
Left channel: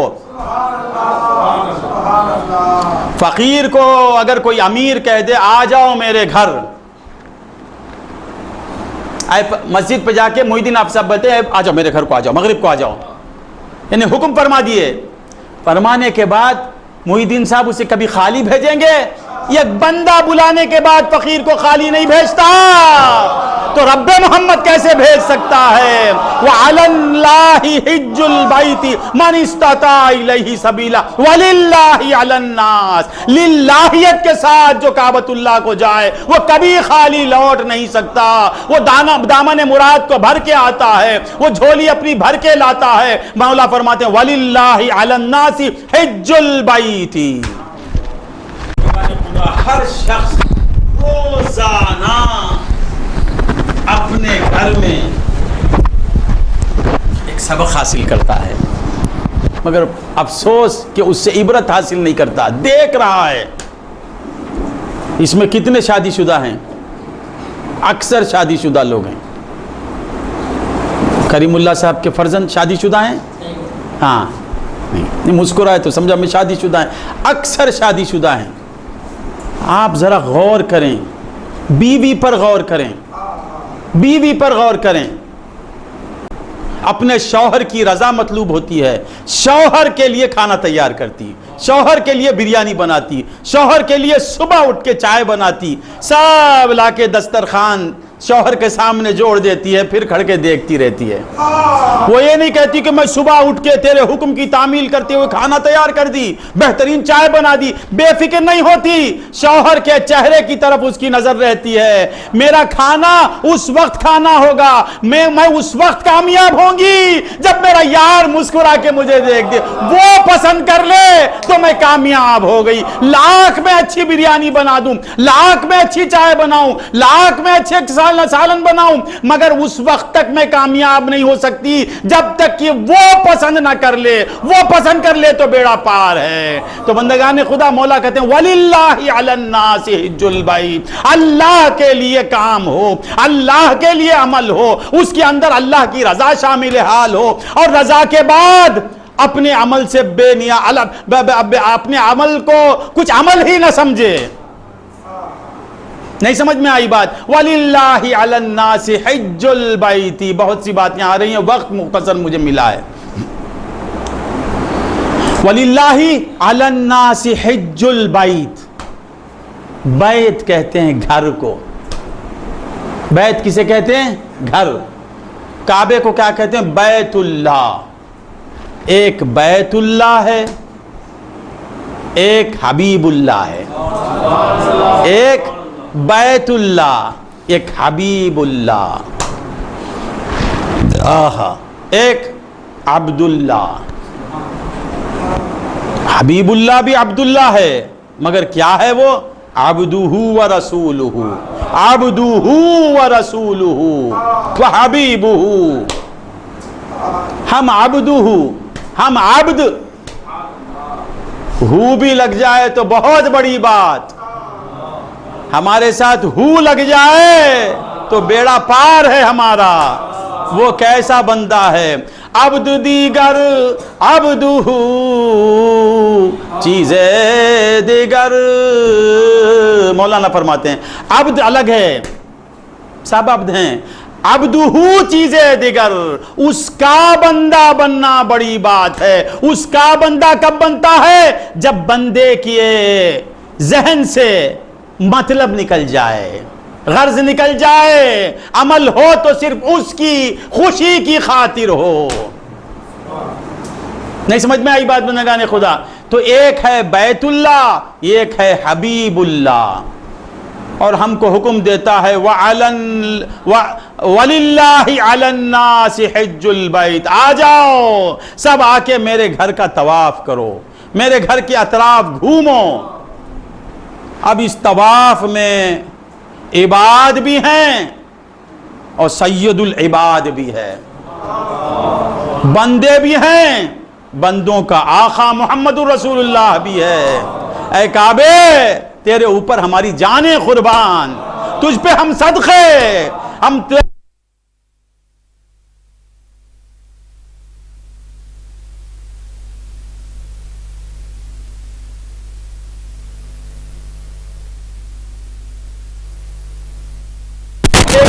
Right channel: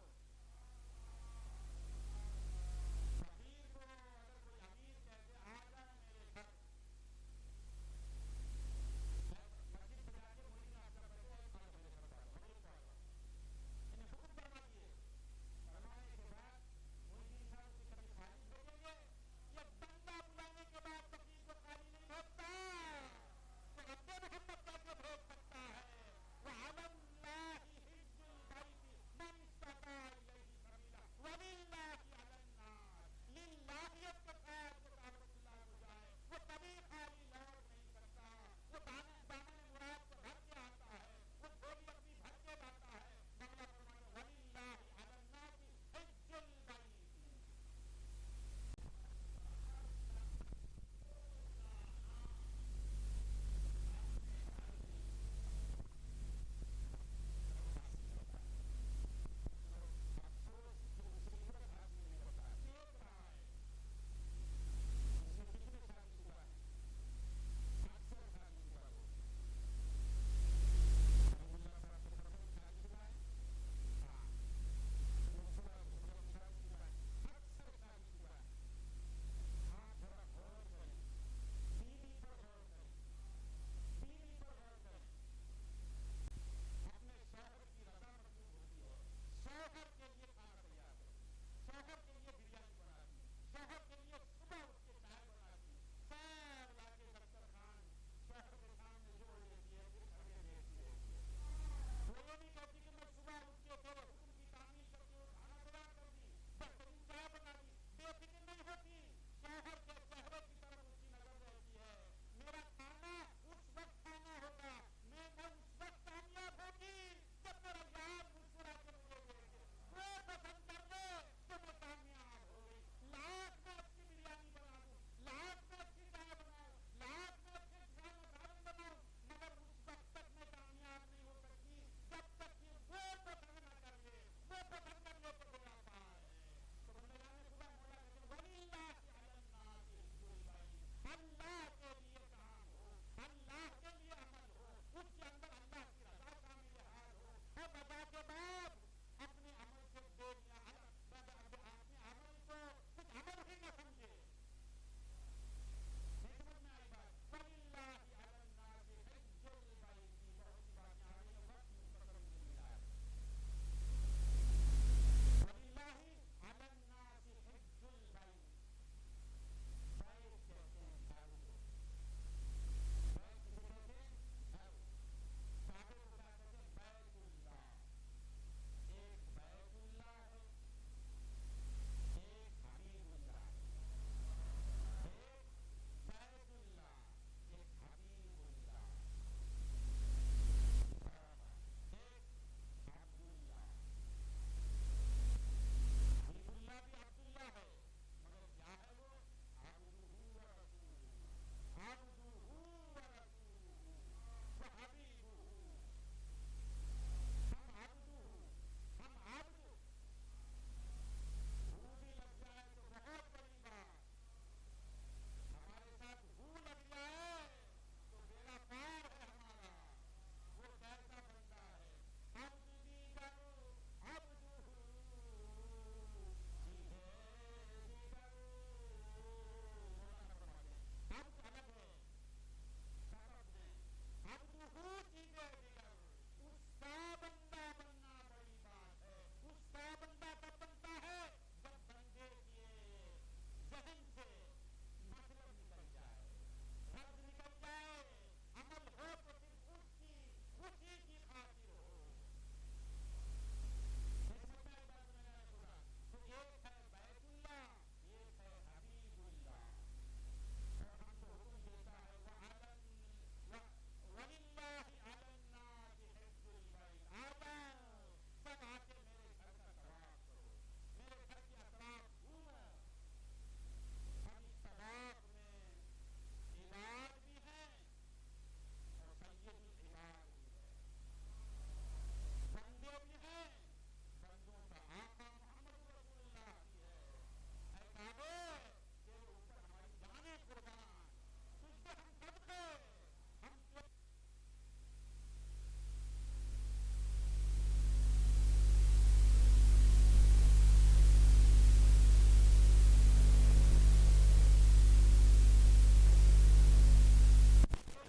فقیر کو اگر کوئی امیر کہہ دے آ جاؤ میرے گھر، مسجد پہ جا کے محی الدین آپ صاحب بولتے ہیں آ جاؤ میرے گھر کو، آ جاؤ مغرب کو آ جاؤ، یعنی حکم فرما دیے۔ فرمانے کے بعد محی الدین صاحب اسے کبھی خالی بھیجیں گے؟ یہ بندہ بلانے کے بعد فقیر کو خالی نہیں بھیجتا، تو رب محمد کیسے بھیج سکتا ہے؟ وَعَلَى اللَّهِ حِجُّ الْبَيْتِ مَنِ اسْتَطَاعَ إِلَيْهِ سَبِيلًا وَلِلَّهِ عَلَى النَّاسِ، للہیت کے ساتھ جو کعبۃ اللہ کو جائے وہ کبھی خالی لوٹ نہیں سکتا۔ وہ دامن مراد کو بھر کے آتا ہے، وہ جھولی اپنی بھر کے لاتا ہے۔ مولا فرماتے ہیں وَلِلَّهِ عَلَى النَّاسِ حِجُّ الْبَيْتِ، ہر شخص روزانہ اپنے گھر میں ایک سبق حاصل کرتا ہے، مگر افسوس کہ اس سے عبرت حاصل نہیں کرتا، دیکھ رہا ہے۔ اس میں کتنے شادی شدہ ہیں؟ اکثر شادی شدہ لوگ ہیں۔ کریم اللہ صاحب کے فرزند شادی شدہ ہیں؟ ہاں، نہیں مسکرائے تو سمجھا میں شادی شدہ ہیں۔ اکثر شادی شدہ ہیں۔ آپ ذرا غور کریں، بیوی پر غور کریں، بیوی پر غور کریں۔ اپنے شوہر کی رضا مطلوب ہوتی ہے، شوہر کے لیے کھانا تیار کرتی، شوہر کے لیے بریانی بناتی، شوہر کے لیے صبح اٹھ کے چائے بناتی، سب لا کے دسترخوان شوہر کے سامنے جوڑ دیتی ہے، پھر کھڑ کے دیکھتی رہتی ہے۔ وہ یہ نہیں کہتی کہ میں صبح اٹھ کے تیرے حکم کی تعمیل کرتے ہوئے کھانا تیار کر دی، بہترین چائے بنا دی، بے فکر نہیں ہوتی، شوہر کے چہرے کی طرف اس کی نظر رہتی ہے، میرا کھانا اس وقت کھانا ہوگا، میں اس وقت کامیاب ہوں گی جب میرا یار مسکرا کے مجھے دیکھ دے، وہ پسند کر لے تو میں کامیاب ہو گئی۔ لاکھ میں اچھی بریانی بنا دوں، لاکھ میں اچھی چائے بناؤں، لاکھ میں اچھے سالن بناؤں، مگر اس وقت تک میں کامیاب نہیں ہو سکتی جب تک کہ وہ پسند نہ کر لے، وہ پسند کر لے تو بیڑا پار ہے۔ تو بندگان خدا مولا کہتے ہیں وَلِلَّهِ عَلَى النَّاسِ حِجُّ الْبَيْتِ، اللہ کے لیے کام ہو، اللہ کے لیے عمل ہو، اس کے اندر اللہ کی رضا شامل حال ہو، اور رضا کے بعد اپنے عمل سے بے نیا اپنے عمل کو کچھ عمل ہی نہ سمجھے۔ نہیں سمجھ میں آئی بات؟ وَلِلَّهِ عَلَى النَّاسِ حِجُّ الْبَيْتِ، بہت سی باتیں آ رہی ہیں، وقت مختصر مجھے ملا ہے۔ وَلِلَّهِ عَلَى النَّاسِ حِجُّ الْبَيْتِ، بیت کہتے ہیں گھر کو۔ بیت کسے کہتے ہیں؟ گھر۔ کعبے کو کیا کہتے ہیں؟ بیت اللہ۔ ایک بیت اللہ ہے، ایک حبیب اللہ ہے۔ ایک بیت اللہ، ایک حبیب اللہ، ایک عبد اللہ۔ حبیب اللہ بھی عبد اللہ ہے، مگر کیا ہے وہ؟ عبدہ و رسولہ، عبدہ و رسولہ و حبیبہ۔ ہم عبدہ، ہم عبد، ہو بھی لگ جائے تو بہت بڑی بات، ہمارے ساتھ ہو لگ جائے تو بیڑا پار ہے ہمارا۔ وہ کیسا بندہ ہے؟ عبد دیگر عبدہ، چیزیں دیگر۔ مولانا فرماتے ہیں عبد الگ ہے، سب عبد ہیں، عبدہ چیزیں دیگر، اس کا بندہ بننا بڑی بات ہے۔ اس کا بندہ کب بنتا ہے؟ جب بندے کے ذہن سے مطلب نکل جائے، غرض نکل جائے، عمل ہو تو صرف اس کی خوشی کی خاطر ہو۔ نہیں سمجھ میں آئی بات بندگان خدا؟ تو ایک ہے بیت اللہ، ایک ہے حبیب اللہ، اور ہم کو حکم دیتا ہے وَلِلَّهِ عَلَى النَّاسِ حِجُّ الْبَيْتِ، آ جاؤ سب آ کے میرے گھر کا طواف کرو، میرے گھر کے اطراف گھومو۔ اب اس طواف میں عباد بھی ہیں اور سید العباد بھی ہے، بندے بھی ہیں، بندوں کا آقا محمد رسول اللہ بھی ہے۔ اے کعبے، تیرے اوپر ہماری جانیں قربان، تجھ پہ ہم صدقے، ہم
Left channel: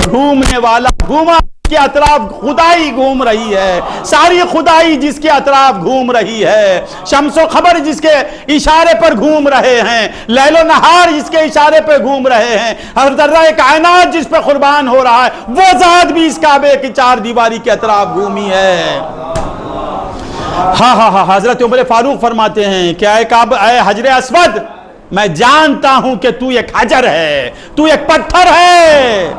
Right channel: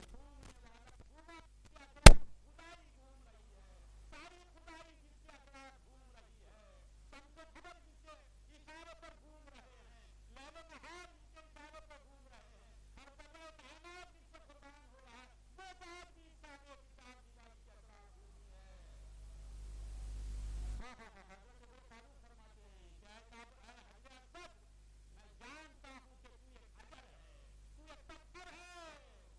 گھومنے والا گھوما کے اطراف خدائی گھوم رہی ہے، ساری خدائی جس کے اطراف گھوم رہی ہے، شمس و خبر جس کے اشارے پر گھوم رہے ہیں، لیل و نہار جس کے اشارے پر گھوم رہے ہیں، ہر ذرہ کائنات جس پہ قربان ہو رہا ہے، وہ ذات بھی اس کعبے کی چار دیواری کے اطراف گھومی ہے۔ ہاں حضرت عمر فاروق فرماتے ہیں کہ اے حجر اسود، میں جانتا ہوں کہ تو ایک حجر ہے، تو ایک پتھر ہے،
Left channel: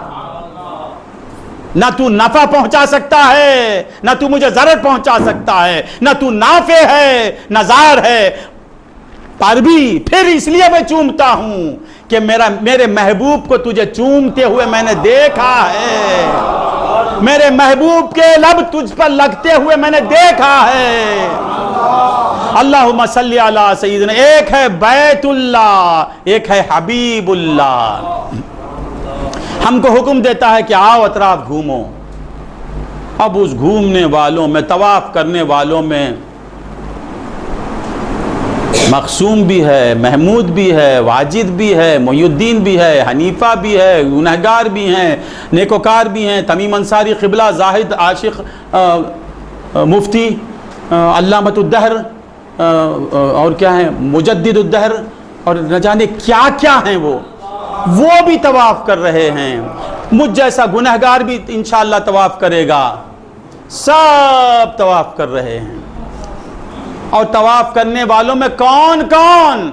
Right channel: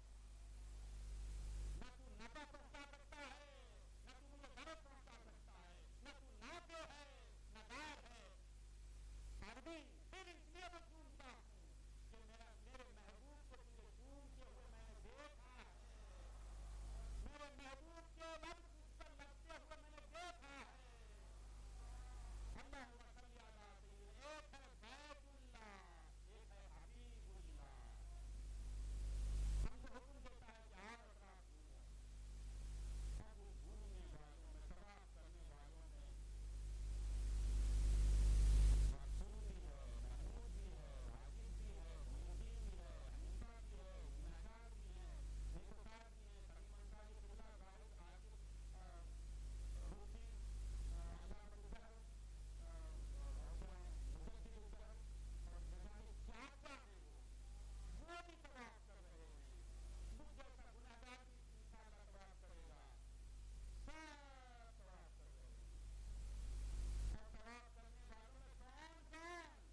نہ تو نفع پہنچا سکتا ہے، نہ تو مجھے ضرر پہنچا سکتا ہے، نہ تو نافع ہے نہ ضار ہے، پر بھی پھر اس لیے میں چومتا ہوں کہ میرے محبوب کو تجھے چومتے ہوئے میں نے دیکھا ہے، میرے محبوب کے لب تجھ پر لگتے ہوئے میں نے دیکھا ہے۔ اللہم صلی علی سیدنا، ایک ہے بیت اللہ، ایک ہے حبیب اللہ۔ ہم کو حکم دیتا ہے کہ آؤ اطراف گھومو۔ اب اس گھومنے والوں میں، طواف کرنے والوں میں مقسوم بھی ہے، محمود بھی ہے، واجد بھی ہے، محی الدین بھی ہے، حنیفہ بھی ہے، گنہگار بھی ہیں، نیکوکار بھی ہیں، تمیم انصاری، قبلہ، زاہد، عاشق، مفتی علامۃ الدہر اور کیا ہیں مجدد الدہر اور نہ جانے کیا کیا ہیں وہ بھی طواف کر رہے ہیں. مجھ جیسا گنہگار بھی انشاءاللہ طواف کرے گا. سب طواف کر رہے ہیں. اور طواف کرنے والوں میں کون کون؟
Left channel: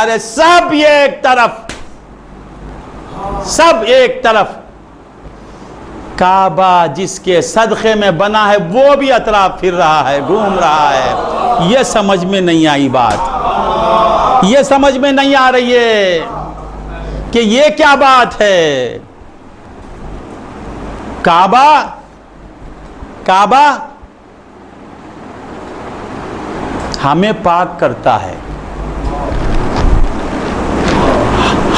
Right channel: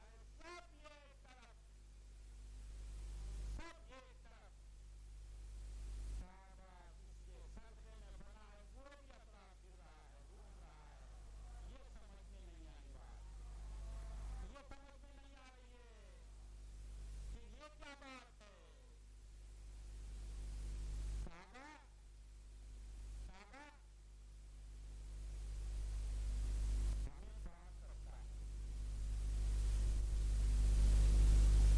ارے سب ایک طرف، سب ایک طرف. کعبہ جس کے صدقے میں بنا ہے وہ بھی اطراف پھر رہا ہے، گھوم رہا ہے. یہ سمجھ میں نہیں آئی بات، یہ سمجھ میں نہیں آ رہی ہے کہ یہ کیا بات ہے. کعبہ ہمیں پاک کرتا ہے.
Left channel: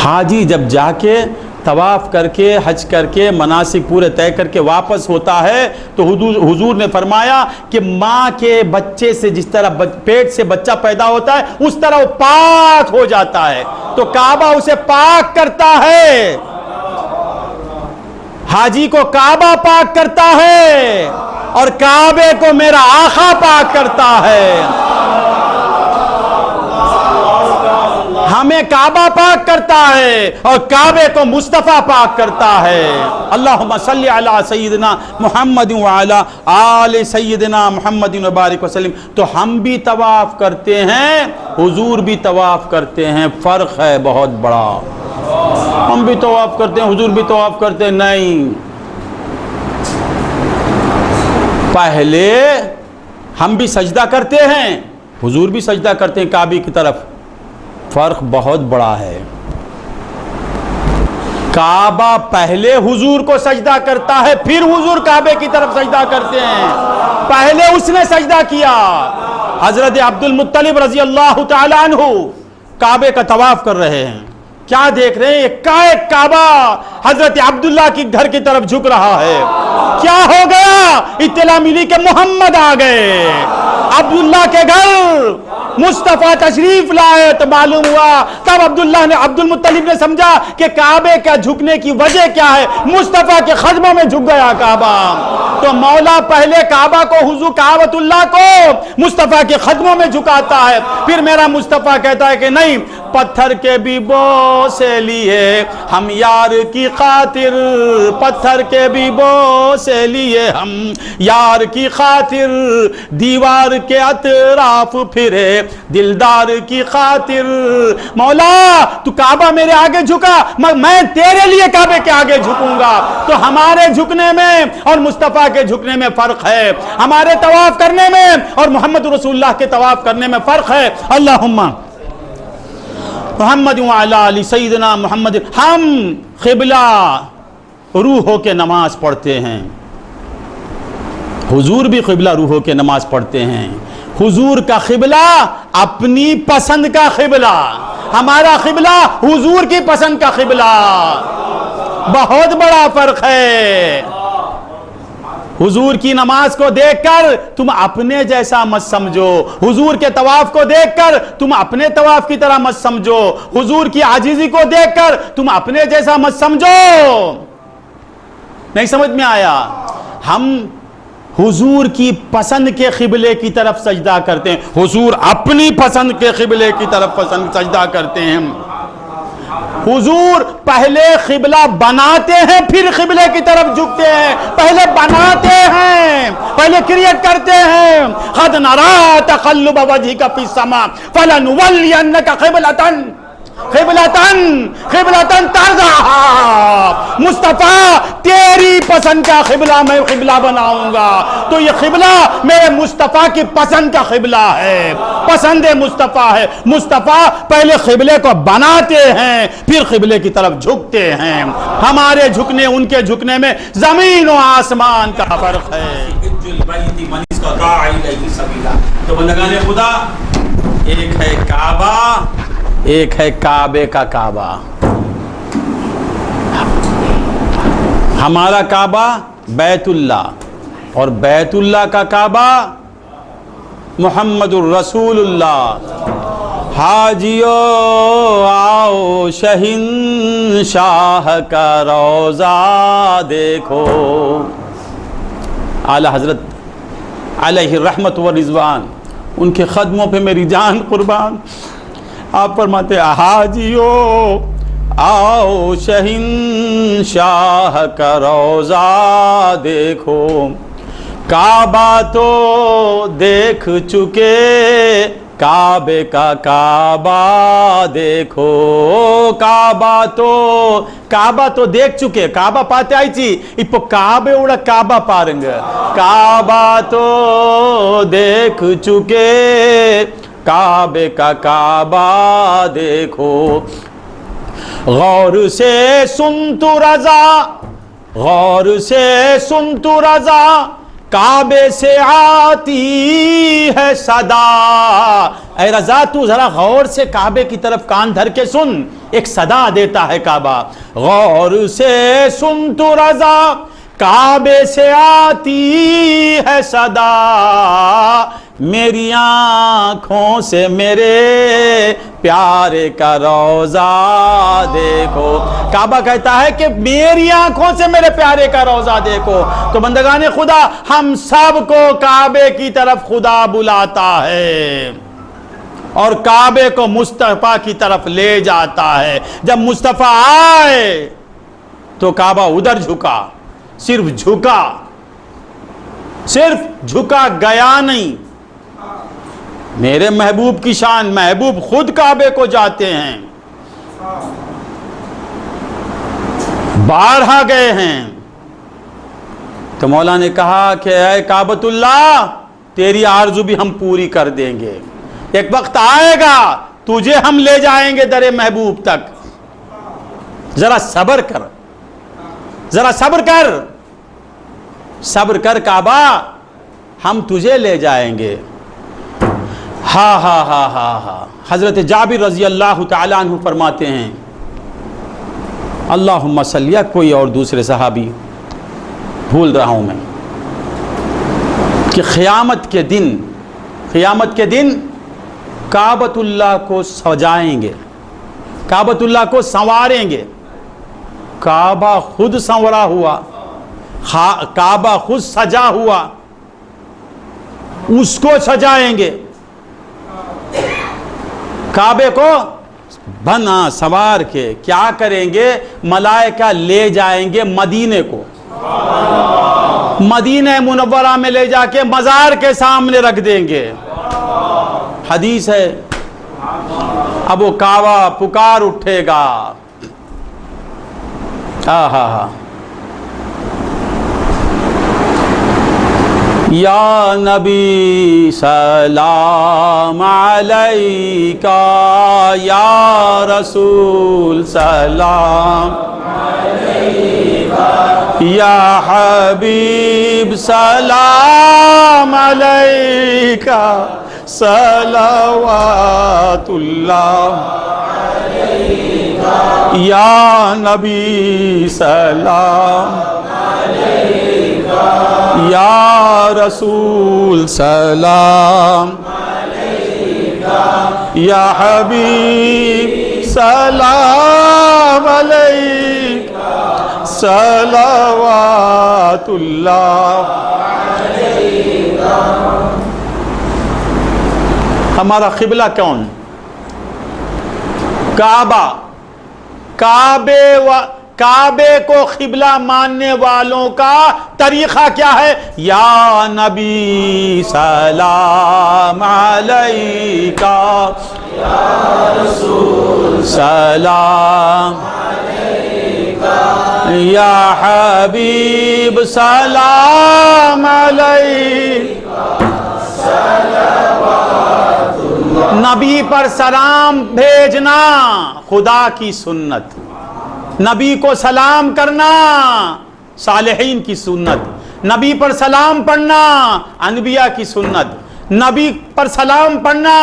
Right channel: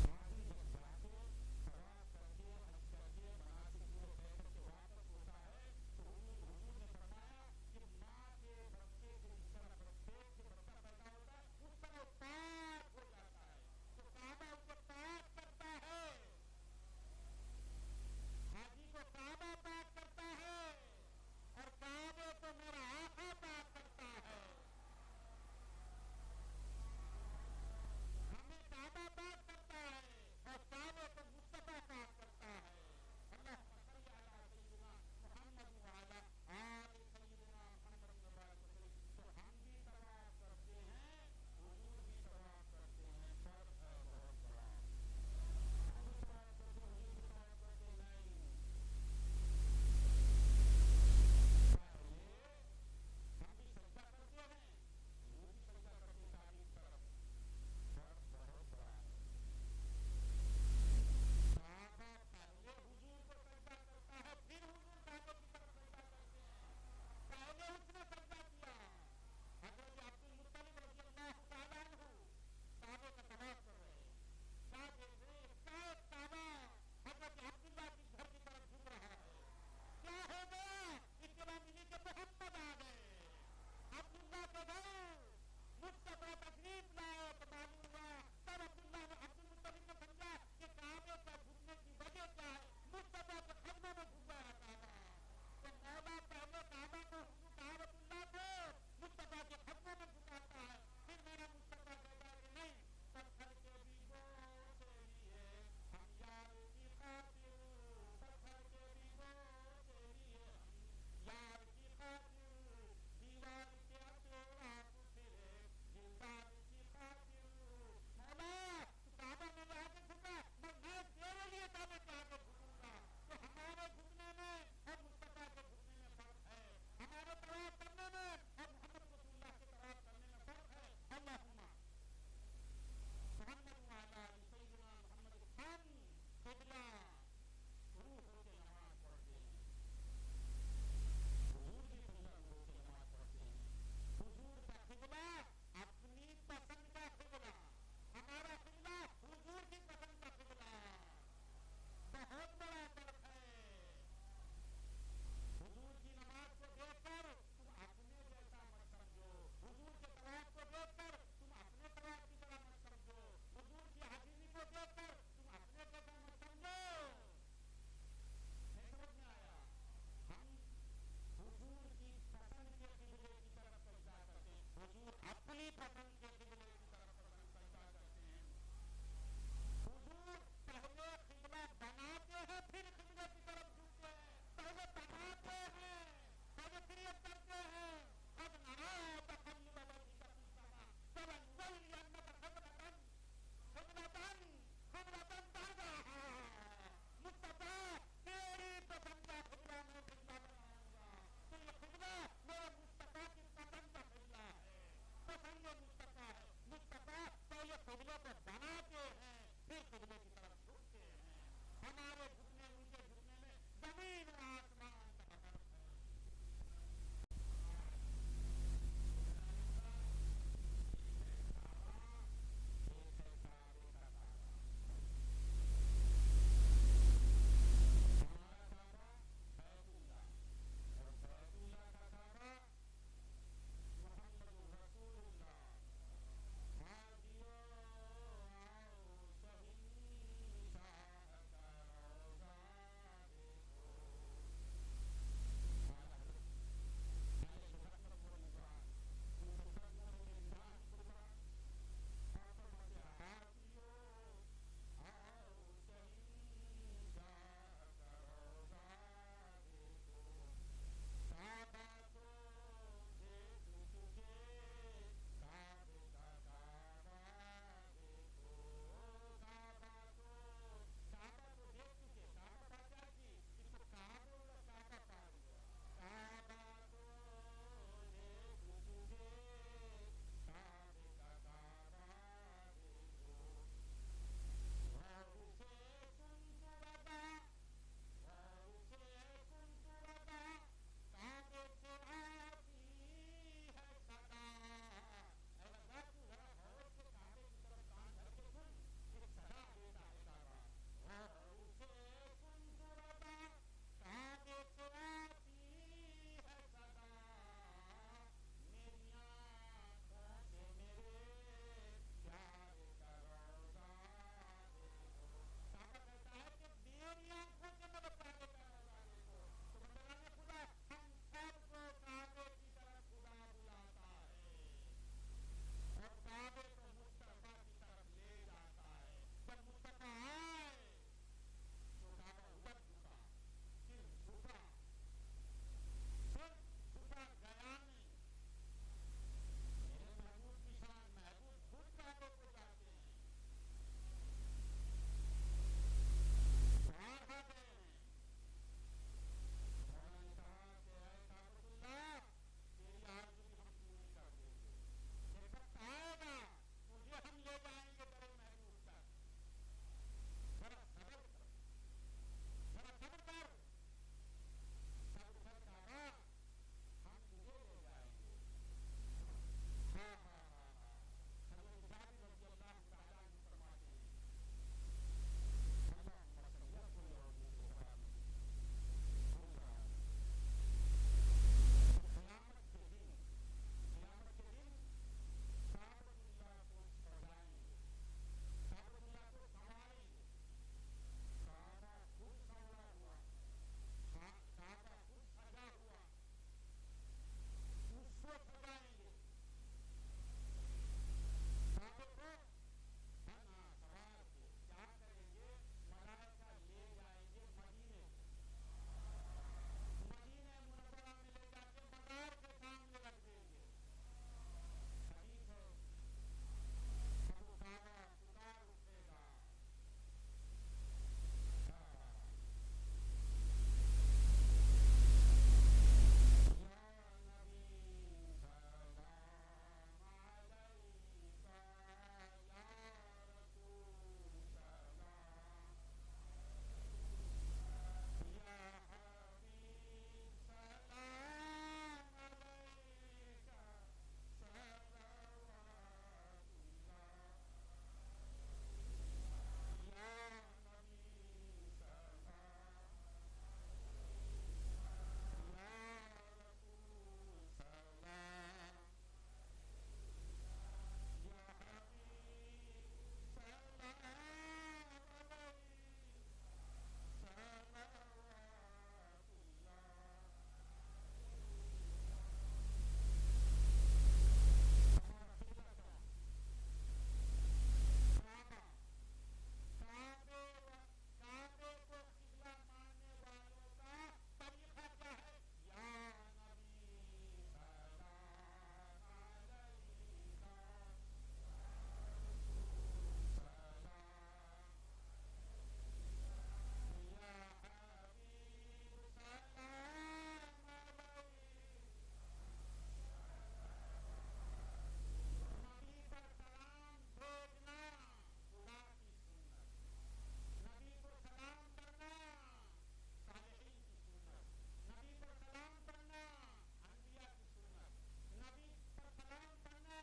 حاجی جب جا کے طواف کر کے حج کر کے مناسک پورے طے کر کے واپس ہوتا ہے تو حضور نے فرمایا کہ ماں کے بچے سے جس طرح پیٹ سے بچہ پیدا ہوتا ہے اس طرح وہ پاک ہو جاتا ہے. تو کعبہ اسے پاک کرتا ہے. حاجی کو کعبہ پاک کرتا ہے اور کعبے کو میرا آقا پاک کرتا ہے. ہمیں کعبہ پاک کرتا ہے اور کعبے کو مصطفیٰ پاک کرتا ہے. اللہم صلی علی سیدنا محمد وعلی آل سیدنا محمد وبارک وسلم. تو ہم بھی طواف کرتے ہیں، حضور بھی طواف کرتے ہیں. فرق ہے بہت بڑا. ہم بھی طواف کرتے ہیں، حضور بھی طواف کرتے ہیں. نہیں، پہلے ہم بھی سجدہ کرتے ہیں، حضور بھی سجدہ کرتے ہیں کعبے کی طرف. فرق بہت بڑا ہے. کعبہ پہلے حضور کو سجدہ کرتا ہے، پھر حضور کعبے کی طرف سجدہ کرتے ہیں. پہلے اس نے سجدہ کیا. حضرت عبد المطلب رضی اللہ تعالی عنہ کعبے کا طواف کر رہے ہیں. کیا دیکھ رہے ہیں؟ ایک کعبہ حضرت عبداللہ کی گھر کی طرف جھک رہا ہے. کیا ہو گیا؟ اطلاع ملی کہ محمد آ گئے. عبداللہ کے گھر مصطفیٰ تشریف لائے تو معلوم ہوا. تب عبد المطلب نے سمجھا کہ کعبے کا جھکنے کی وجہ کیا ہے. مصطفیٰ کے قدموں میں جھک گیا کعبہ. تو مولا پہلے کعبہ کو حضور کعبۃ اللہ کو مصطفیٰ کے قدموں میں جھکاتا ہے. پھر میرا مصطفیٰ کہتا ہے کہ نہیں، پتھر کے بھی بوسے لیے ہم یار کی خاطر، پتھر کے بھی بوسے لیے ہم یار کی خاطر، دیوار کے اطراف پھرے دلدار کی خاطر. مولا تو کعبہ میرے آگے جھکا، میں تیرے لیے کعبے کے آگے جھکوں گا. تو ہمارے جھکنے میں اور مصطفیٰ کے جھکنے میں فرق ہے. ہمارے طواف کرنے میں اور محمد رسول اللہ کے طواف کرنے میں فرق ہے. اللہم محمد وعلی آل سیدنا محمد. ہم قبلہ روح ہو کے نماز پڑھتے ہیں، حضور بھی قبلہ روح ہو کے نماز پڑھتے ہیں. حضور کا قبلہ اپنی پسند کا قبلہ، ہمارا قبلہ حضور کی پسند کا قبلہ. بہت بڑا فرق ہے. حضور کی نماز کو دیکھ کر تم اپنے جیسا مت سمجھو، حضور کے طواف کو دیکھ کر تم اپنے طواف کی طرح مت سمجھو، حضور کی عاجزی کو دیکھ کر تم اپنے جیسا مت سمجھو. نہیں سمجھ میں آیا؟ ہم حضور کی پسند کے قبلے کی طرف سجدہ کرتے ہیں، حضور اپنی پسند کے قبلے کی طرف سجدہ کرتے ہیں. حضور پہلے قبلہ بناتے ہیں پھر قبلے کی طرف جھکتے ہیں. پہلے بناتے ہیں، پہلے کریٹ کرتے ہیں. قد نرى تقلب وجهك في السماء فلنولينك قبلة ترضاها. مصطفیٰ تیری پسند کا قبلہ میں قبلہ بناؤں گا. تو یہ قبلہ میرے مصطفیٰ کی پسند کا قبلہ ہے، پسند مصطفیٰ ہے. مصطفیٰ پہلے قبلے کو بناتے ہیں پھر قبلے کی طرف جھکتے ہیں. ہمارے جھکنے ان کے جھکنے میں زمین و آسمان کا فرق ہے. تو بندگان خدا، ایک ہے کعبہ، ایک ہے کعبے کا کعبہ. ہمارا کعبہ بیت اللہ اور بیت اللہ کا کعبہ محمد الرسول اللہ. حاجیو آؤ شہنشاہ کا روضہ دیکھو. اعلی حضرت علیہ رحمت و رضوان، ان کے قدموں پہ میری جان قربان۔ آپ فرماتے حاجیو آؤ شہنشاہ کا روضہ دیکھو، کعبہ تو دیکھ چکے کعبے کا کعبہ دیکھو، کعبہ تو دیکھ چکے، کعبہ پاتے آئیچی اپو کعبے اوڑا کعبہ پارنگ، کعبہ تو دیکھ چکے کعبے کا کعبہ دیکھو، غور سے سن تو رضا، غور سے سن تو رضا، کعبے سے آتی ہے صدا۔ اے رضا تو ذرا غور سے کعبے کی طرف کان دھر کے سن، ایک صدا دیتا ہے کعبہ۔ غور سے سن تو رضا، کعبے سے آتی ہے صدا، میری آنکھوں سے میرے پیارے کا روضہ دیکھو۔ کعبہ کہتا ہے کہ میری آنکھوں سے میرے پیارے کا روضہ دیکھو۔ تو بندگان خدا، ہم سب کو کعبے کی طرف خدا بلاتا ہے اور کعبے کو مصطفیٰ کی طرف لے جاتا ہے۔ جب مصطفیٰ آئے تو کعبہ ادھر جھکا، صرف جھکا گیا نہیں۔ میرے محبوب کی شان، محبوب خود کعبے کو جاتے ہیں، بارہا گئے ہیں۔ تو مولا نے کہا کہ اے کعبۃ اللہ، تیری آرزو بھی ہم پوری کر دیں گے، ایک وقت آئے گا تجھے ہم لے جائیں گے در محبوب تک، ذرا صبر کر، ذرا صبر کر کعبہ، ہم تجھے لے جائیں گے۔ ہاں حضرت جابر رضی اللہ تعالیٰ عنہ فرماتے ہیں، اللہم صلی، کوئی اور دوسرے صحابی بھول رہا ہوں میں، کہ قیامت کے دن کعبۃ اللہ کو سجائیں گے، کعبۃ اللہ کو سنواریں گے۔ کعبہ خود سنورا ہوا، کعبہ خود سجا ہوا، اس کو سجائیں گے، کعبے کو بنا سوار کے کیا کریں گے؟ ملائکہ لے جائیں گے مدینے کو، مدینہ منورہ میں لے جا کے مزار کے سامنے رکھ دیں گے۔ حدیث ہے، اب وہ کعبہ پکار اٹھے گا، یا نبی سلام علیکہ، یا رسول سلام علیکہ، یا حبیب سلام علیکہ، صلوات اللہ علیکہ، یا نبی سلام یا رسول سلام علیکہ، یا حبیب سلام علیکہ، صلوات اللہ علیکہ۔ ہمارا قبلہ کون؟ کعبے کو قبلہ ماننے والوں کا طریقہ کیا ہے؟ یا نبی سلام علیکہ، یا رسول سلام علیکہ، یا حبیب سلام علیکہ، صلوات اللہ۔ نبی پر سلام بھیجنا خدا کی سنت، نبی کو سلام کرنا صالحین کی سنت، نبی پر سلام پڑھنا انبیاء کی سنت، نبی پر سلام پڑھنا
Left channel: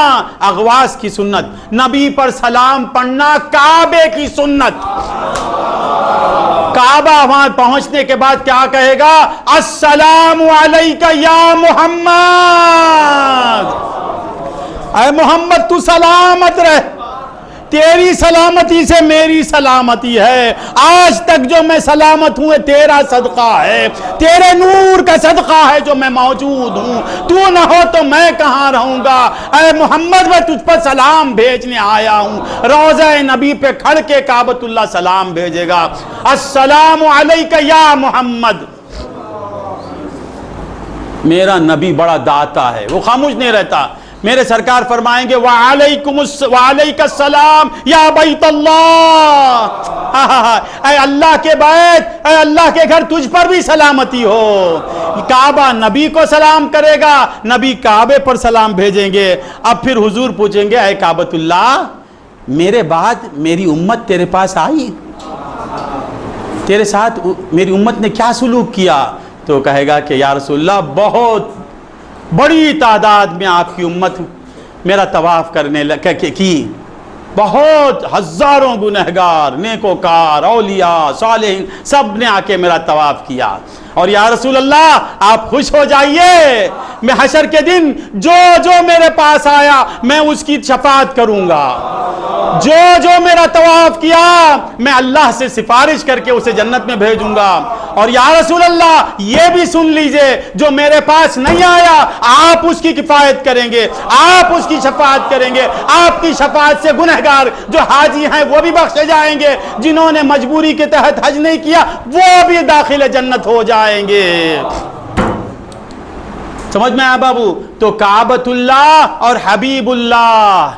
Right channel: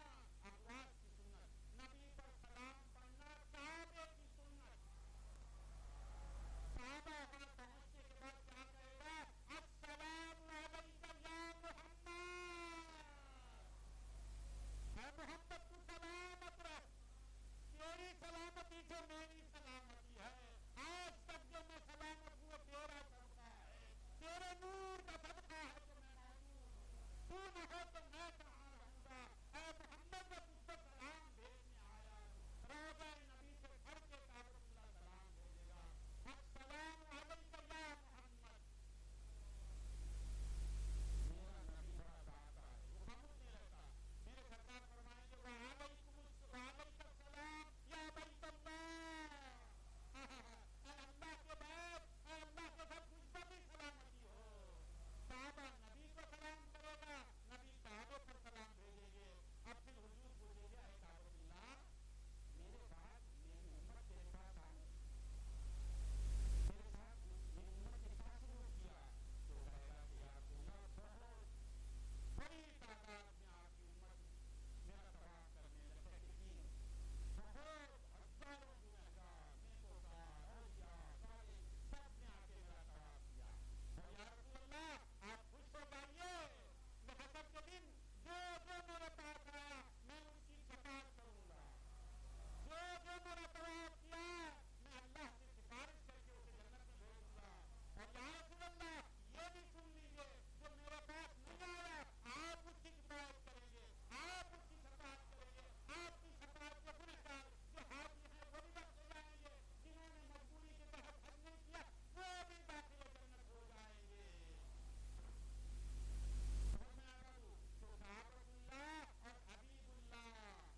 اغواس کی سنت، نبی پر سلام پڑھنا کعبے کی سنت۔ کعبہ وہاں پہنچنے کے بعد کیا کہے گا؟ السلام علیکہ یا محمد، اے محمد تو سلامت رہ، تیری سلامتی سے میری سلامتی ہے، آج تک جو میں سلامت ہوں تیرا صدقہ ہے، تیرے نور کا صدقہ ہے جو میں موجود ہوں، تو نہ ہو تو میں کہاں رہوں گا؟ اے محمد میں تجھ پر سلام بھیجنے آیا ہوں۔ روضہ نبی پہ کھڑ کے کعبۃ اللہ سلام بھیجے گا، السلام علیک یا محمد۔ میرا نبی بڑا داتا ہے، وہ خاموش نہیں رہتا۔ میرے سرکار فرمائیں گے وعلیک السلام یا بیت اللہ، اے اللہ کے بیت، اے اللہ کے گھر، تجھ پر بھی سلامتی ہو۔ کعبہ نبی کو سلام کرے گا، نبی کعبے پر سلام بھیجیں گے۔ اب پھر حضور پوچھیں گے اے کعبۃ اللہ، میرے بعد میری امت تیرے پاس آئی، تیرے ساتھ میری امت نے کیا سلوک کیا؟ تو کہے گا کہ یا رسول اللہ بہت بڑی تعداد میں آپ کی امت میرا طواف کرنے کی، بہت ہزاروں گنہگار، نیکوکار، اولیاء، صالحین، سب نے آ کے میرا طواف کیا۔ اور یا رسول اللہ آپ خوش ہو جائیے، میں حشر کے دن جو جو میرے پاس آیا میں اس کی شفاعت کروں گا، جو جو میرا طواف کیا میں اللہ سے سفارش کر کے اسے جنت میں بھیجوں گا۔ اور یا رسول اللہ یہ بھی سن لیجئے، جو میرے پاس نہیں آیا آپ اس کی کفایت کریں گے، آپ اس کی شفاعت کریں گے، آپ کی شفاعت سے گنہگار جو حاجی ہیں وہ بھی بخشے جائیں گے، جنہوں نے مجبوری کے تحت حج نہیں کیا وہ بھی داخل جنت ہو جائیں گے۔ سمجھ میں آیا بابو؟ تو کعبۃ اللہ اور حبیب اللہ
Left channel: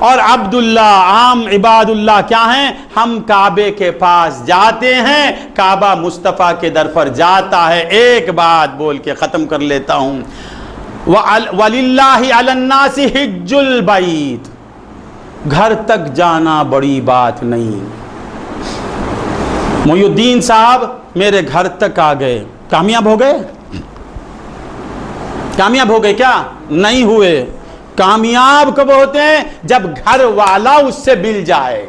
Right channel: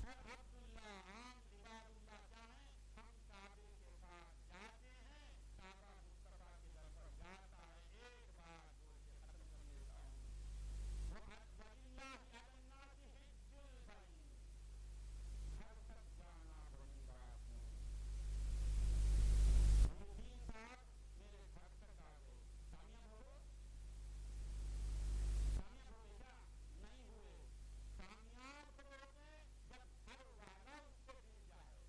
اور عبداللہ، عام عباد اللہ کیا ہیں؟ ہم کعبے کے پاس جاتے ہیں، کعبہ مصطفیٰ کے در پر جاتا ہے۔ ایک بات بول کے ختم کر لیتا ہوں، وَلِلَّهِ عَلَى النَّاسِ حِجُّ الْبَيْتِ، گھر تک جانا بڑی بات نہیں۔ محی الدین صاحب میرے گھر تک آ گئے، کامیاب ہو گئے؟ کامیاب ہو گئے کیا؟ نہیں ہوئے۔ کامیاب کب ہوتے ہیں؟ جب گھر والا اس سے مل جائے۔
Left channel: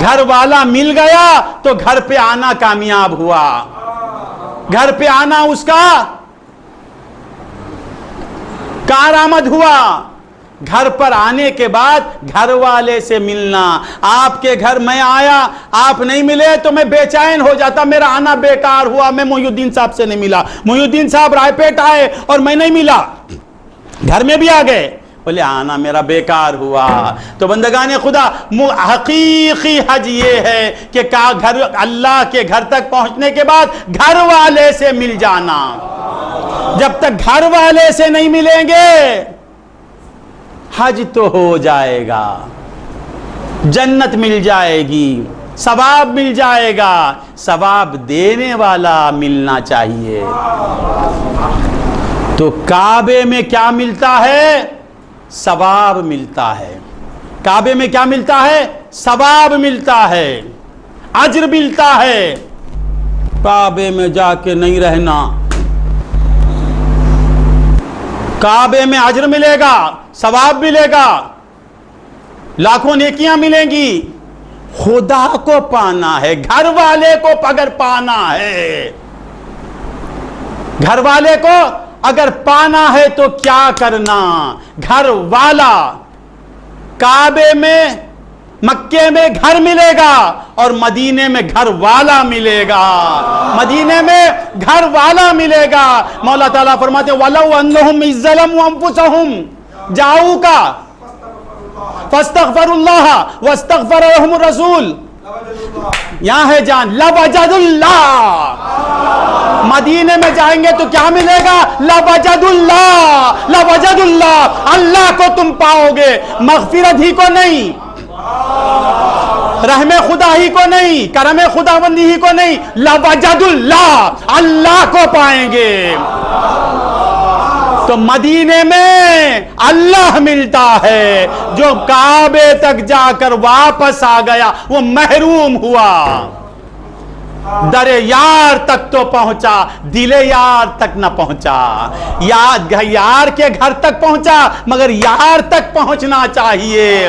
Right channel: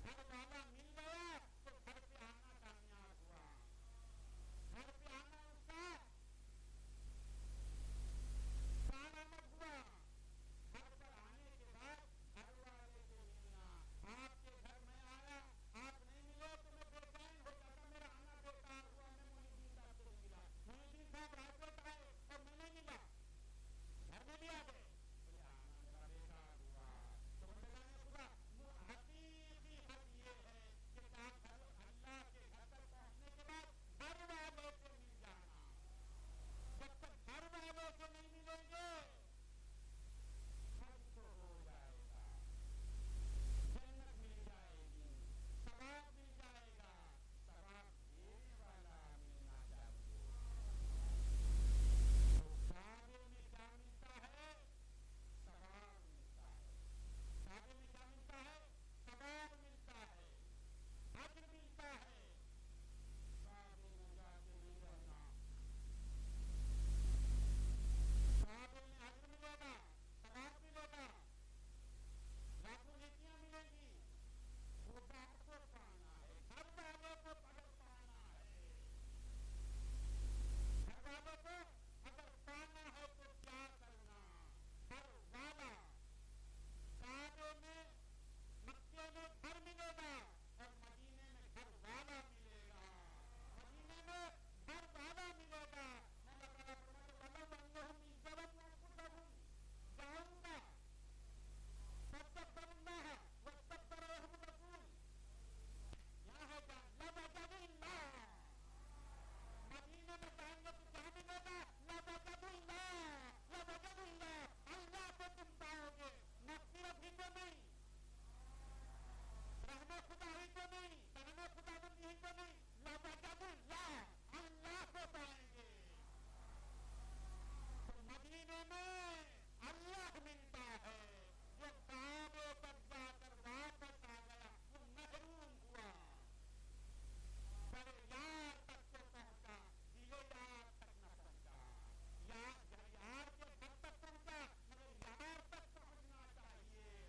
گھر والا مل گیا تو گھر پہ آنا کامیاب ہوا، گھر پہ آنا اس کا کارآمد ہوا۔ گھر پر آنے کے بعد گھر والے سے ملنا۔ آپ کے گھر میں آیا، آپ نہیں ملے تو میں بے چین ہو جاتا، میرا آنا بیکار ہوا، میں محی الدین صاحب سے نہیں ملا، محی الدین صاحب رائے پیٹ آئے اور میں نہیں ملا، گھر میں بھی آ گئے، بولے آنا میرا بیکار ہوا۔ تو بندگان خدا، حقیقی حج یہ ہے کہ گھر اللہ کے گھر تک پہنچنے کے بعد گھر والے سے مل جانا۔ جب تک گھر والے سے نہیں ملیں گے حج تو ہو جائے گا، جنت مل جائے گی، ثواب مل جائے گا، ثواب دینے والا ملنا چاہیے۔ تو کعبے میں کیا ملتا ہے؟ ثواب ملتا ہے۔ کعبے میں کیا ملتا ہے؟ ثواب ملتا ہے، اجر ملتا ہے۔ کعبے میں جا کے نہیں رہنا، کعبے میں اجر ملے گا، ثواب ملے گا، لاکھوں نیکیاں ملیں گی۔ خدا کو پانا ہے، گھر والے کو اگر پانا ہے، گھر والے کو اگر پانا ہے تو کیا کرنا؟ گھر والا، کعبے میں، مکے میں گھر ملے گا اور مدینے میں گھر والا ملے گا، مدینے میں گھر والا ملے گا۔ مولا تعالیٰ فرماتے ہیں وَلَوْ أَنَّهُمْ إِذْ ظَلَمُوا أَنفُسَهُمْ جَاءُوكَ فَاسْتَغْفَرُوا اللَّهَ وَاسْتَغْفَرَ لَهُمُ الرَّسُولُ، یہاں ہے جان، لَوَجَدُ اللَّهَ، مدینے میں جائیں گے تو کیا ملے گا؟ لَوَجَدُ اللَّهَ، لَوَجَدُ اللَّهَ، اللہ کو تم پاؤ گے، مغفرت ہی کو نہیں، رحم خدا ہی کو نہیں، کرم خداوندی ہی کو نہیں، لَوَجَدُ اللَّهَ، اللہ کو پائیں گے۔ تو مدینے میں اللہ ملتا ہے، جو کعبے تک جا کر واپس آ گیا وہ محروم ہوا۔ در یار تک تو پہنچا، دل یار تک نہ پہنچا، یار کے گھر تک پہنچا مگر یار تک پہنچنا چاہیے۔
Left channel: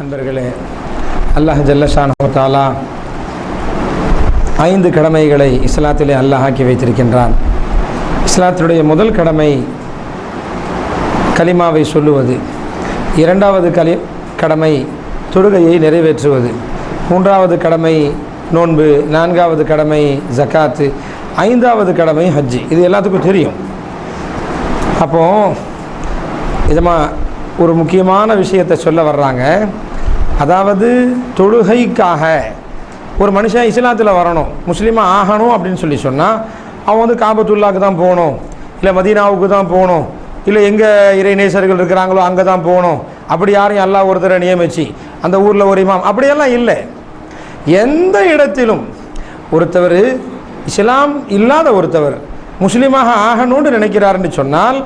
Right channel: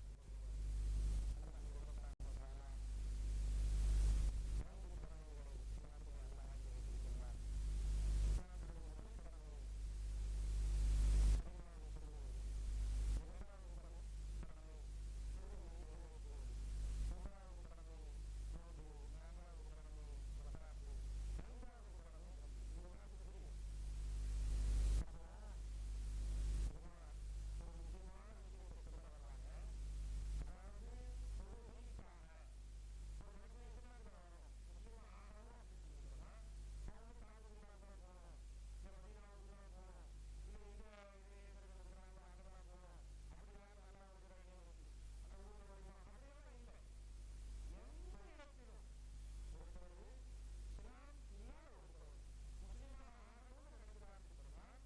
நண்பர்களே, அல்லாஹ் ஜல்ல ஷானஹு வ தஆலா 5 கடமைகளை இஸ்லாத்திலே அல்லாஹ் ஆக்கி வைத்திருக்கின்றான். இஸ்லாத்தினுடைய முதல் கடமை கலிமாவை சொல்லுவது, இரண்டாவது கடமை தொழுகையை நிறைவேற்றுவது, மூன்றாவது கடமை நோன்பு, நான்காவது கடமை ஜக்காத்து, ஐந்தாவது கடமை ஹஜ்ஜி. இது எல்லாத்துக்கும் தெரியும். அப்போது இதமா ஒரு முக்கியமான விஷயத்தை சொல்ல வர்றாங்க. அதாவது தொழுகைக்காக ஒரு மனுஷன் இஸ்லாத்தில் வரணும், முஸ்லீமாக ஆகணும் அப்படின்னு சொன்னால் அவன் வந்து காபத்துல்லாவுக்கு தான் போகணும், இல்லை மதீனாவுக்கு தான் போகணும், இல்லை எங்கே இறைநேசர்கள் இருக்கிறாங்களோ அங்கே தான் போகணும். அப்படி யாரையும் அல்லாஹ் ஒருத்தரை நியமிச்சு அந்த ஊரில் ஒரு இமாம் அப்படியெல்லாம் இல்லை. எந்த இடத்திலும் ஒருத்தவர் இஸ்லாம் இல்லாத ஒருத்தவர் முஸ்லீமாக ஆகணும்னு நினைக்கிறாருன்னு சொன்னால்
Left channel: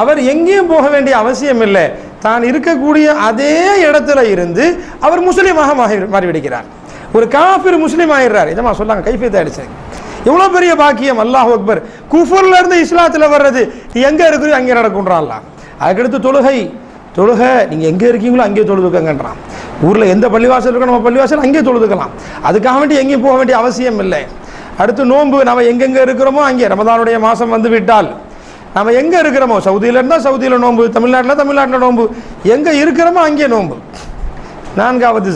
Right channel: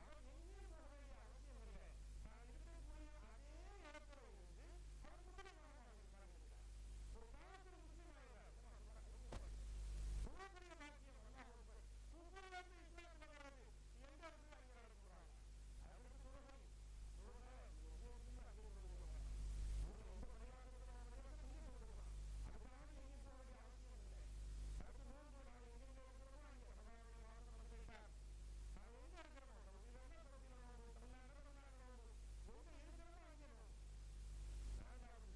அவர் எங்கேயும் போக வேண்டிய அவசியம் இல்லை. தான் இருக்கக்கூடிய அதே இடத்துல இருந்து அவர் முஸ்லீமாக மாறிவிடுகிறார். ஒரு காஃபிர் முஸ்லீம் ஆகிடுறார். இதமா சொல்லாங்க, கைஃபியத்தை அடிச்சு எவ்வளோ பெரிய பாக்கியம். அல்லாஹ் அக்பர். குஃபர்ல இருந்து இஸ்லாத்தில் வர்றது எங்கே இருக்கிறோம் அங்கே நடக்குன்றான் அல்லாஹ். அதுக்கடுத்து தொழுகை நீங்கள் எங்கே இருக்கீங்களோ அங்கே தொழுதுக்கங்கன்றான். ஊரில் எந்த பள்ளிவாசல் இருக்கோ நம்ம பள்ளிவாசல் அங்கே தொழுதுக்கலாம். அதுக்காக வேண்டி எங்கேயும் போக வேண்டிய அவசியம் இல்லை. அடுத்து நோன்பு, நம்ம எங்கெங்கே இருக்கிறோமோ அங்கே. ரமதானுடைய மாதம் வந்து விட்டால் நம்ம எங்கே இருக்கிறோமோ, சவுதியில் இருந்தால் சவுதியில் நோன்பு, தமிழ்நாட்டில் நோன்பு, எங்கே இருக்கிறோமோ அங்கே நோன்பு. நான்காவது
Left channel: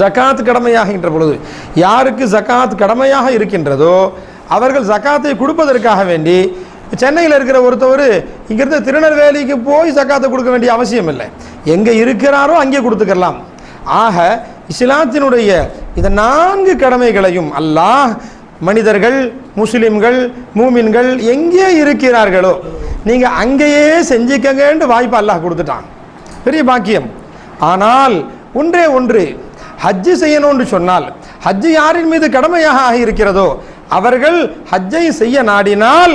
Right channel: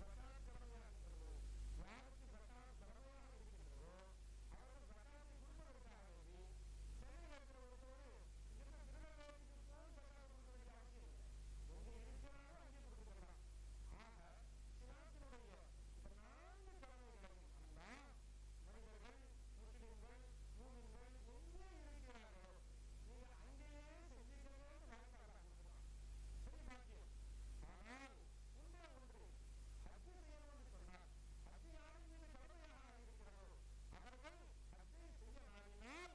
ஜக்காத் கடமையாகின்ற பொழுது யாருக்கு ஜக்காத் கடமையாக இருக்கின்றதோ அவர்கள் ஜக்காத்தை கொடுப்பதற்காக வேண்டி சென்னையில் இருக்கிற ஒருத்தவர் இங்கிருந்து திருநெல்வேலிக்கு போய் ஜக்காத்தை கொடுக்க வேண்டிய அவசியம் இல்லை. எங்கே இருக்கிறாரோ அங்கே கொடுத்துக்கலாம். ஆக இஸ்லாத்தினுடைய இந்த 4 கடமைகளையும் அல்லாஹ் மனிதர்கள், முஸ்லிம்கள், மூமின்கள் எங்கே இருக்கிறார்களோ நீங்கள் அங்கேயே செஞ்சுக்கங்கன்னு வாய்ப்பு அல்லாஹ் கொடுத்துட்டான். பெரிய பாக்கியம். ஆனால் ஒன்று ஹஜ்ஜு செய்யணும்னு சொன்னால், ஹஜ்ஜு யாரின் மீது கடமையாக ஆகியிருக்கிறதோ அவர்கள் ஹஜ்ஜை செய்ய நாடினால்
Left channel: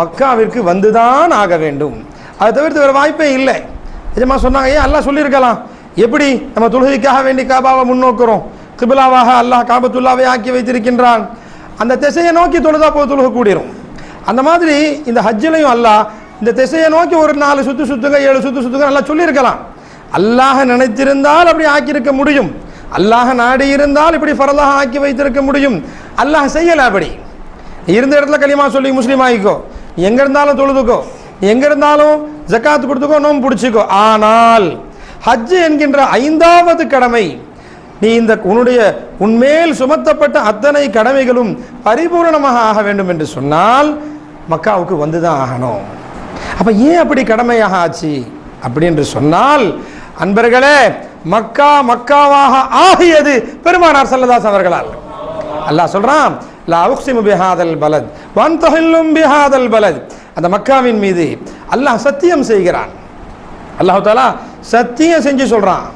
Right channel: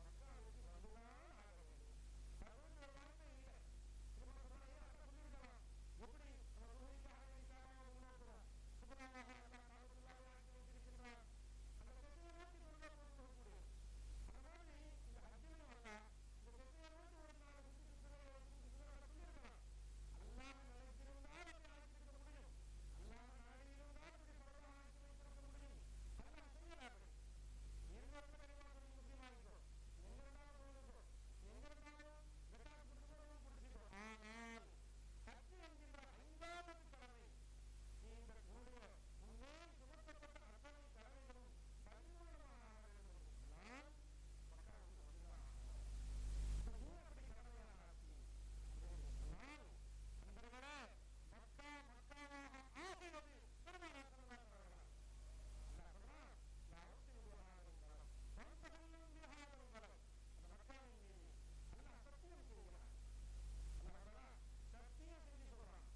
மக்காவிற்கு வந்துதான் ஆக வேண்டும். அதை தவிர்த்து வேறு வாய்ப்பே இல்லை. நிஜமா சொன்னாங்க, ஏன் அல்லாஹ் சொல்லியிருக்கலாம், எப்படி நம்ம தொழுகைக்காக வேண்டி காபாவை முன்னோக்கிறோம், கிபிலாவாக அல்லாஹ் காபத்துல்லாவை ஆக்கி வைத்திருக்கின்றான், அந்த திசையை நோக்கி தொழுதா போய் தொழுக கூடிரும். அந்த மாதிரி இந்த ஹஜ்ஜிலையும் அல்லாஹ் இந்த திசையை நோக்கி ஒரு 4 சுத்து சுத்துங்க, 7 சுத்து சுத்துங்க நல்லா சொல்லியிருக்கலாம். அல்லாஹ் நினைத்திருந்தால் அப்படி ஆக்கியிருக்க முடியும். அல்லாஹ் நாடி இருந்தால் இப்படி ஃபரலாக ஆக்கி வைத்திருக்க முடியும். அல்லாஹ் செய்யலை. அப்படி இருந்த இடத்துல கலிமா சொல்லி முஸ்லீம் ஆகிக்கோ, நீ எங்கே இருந்தாலும் தொழுதுக்கோ, நீ எங்கே இருந்தாலும் ஜக்காத்து கொடுத்துக்கோ, நோம்பு பிடிச்சிக்கோ. ஆனால் ஹஜ்ஜு என்கின்ற 5வது கடமை, நீ இந்த உன்மேல் சுமத்தப்பட்ட அத்தனை கடமைகளும் பரிபூரணமாக ஆக வேண்டும் என்று சொன்னால் மக்காவுக்கு வந்து தான் ஆகணும். அப்போ ஏன் அப்படி கடமையாக ஆச்சு அப்படி என்று சொன்னால், அன்பர்களே, மக்காவாக ஆகியது பெருமானார் ஸல்லல்லாஹு அலைஹி அவர்களால். அல்லாஹ் சொல்றான், லா உக்ஸிமு பிஹாதல் பலத் வ அன்தஹில்லும் பிஹாதல் பலத். அந்த மக்காவின் மீது அல்லாஹ் சத்தியம் செய்கிறான். அல்லாஹ் தஆலா சத்தியம் செஞ்சு சொல்றான்,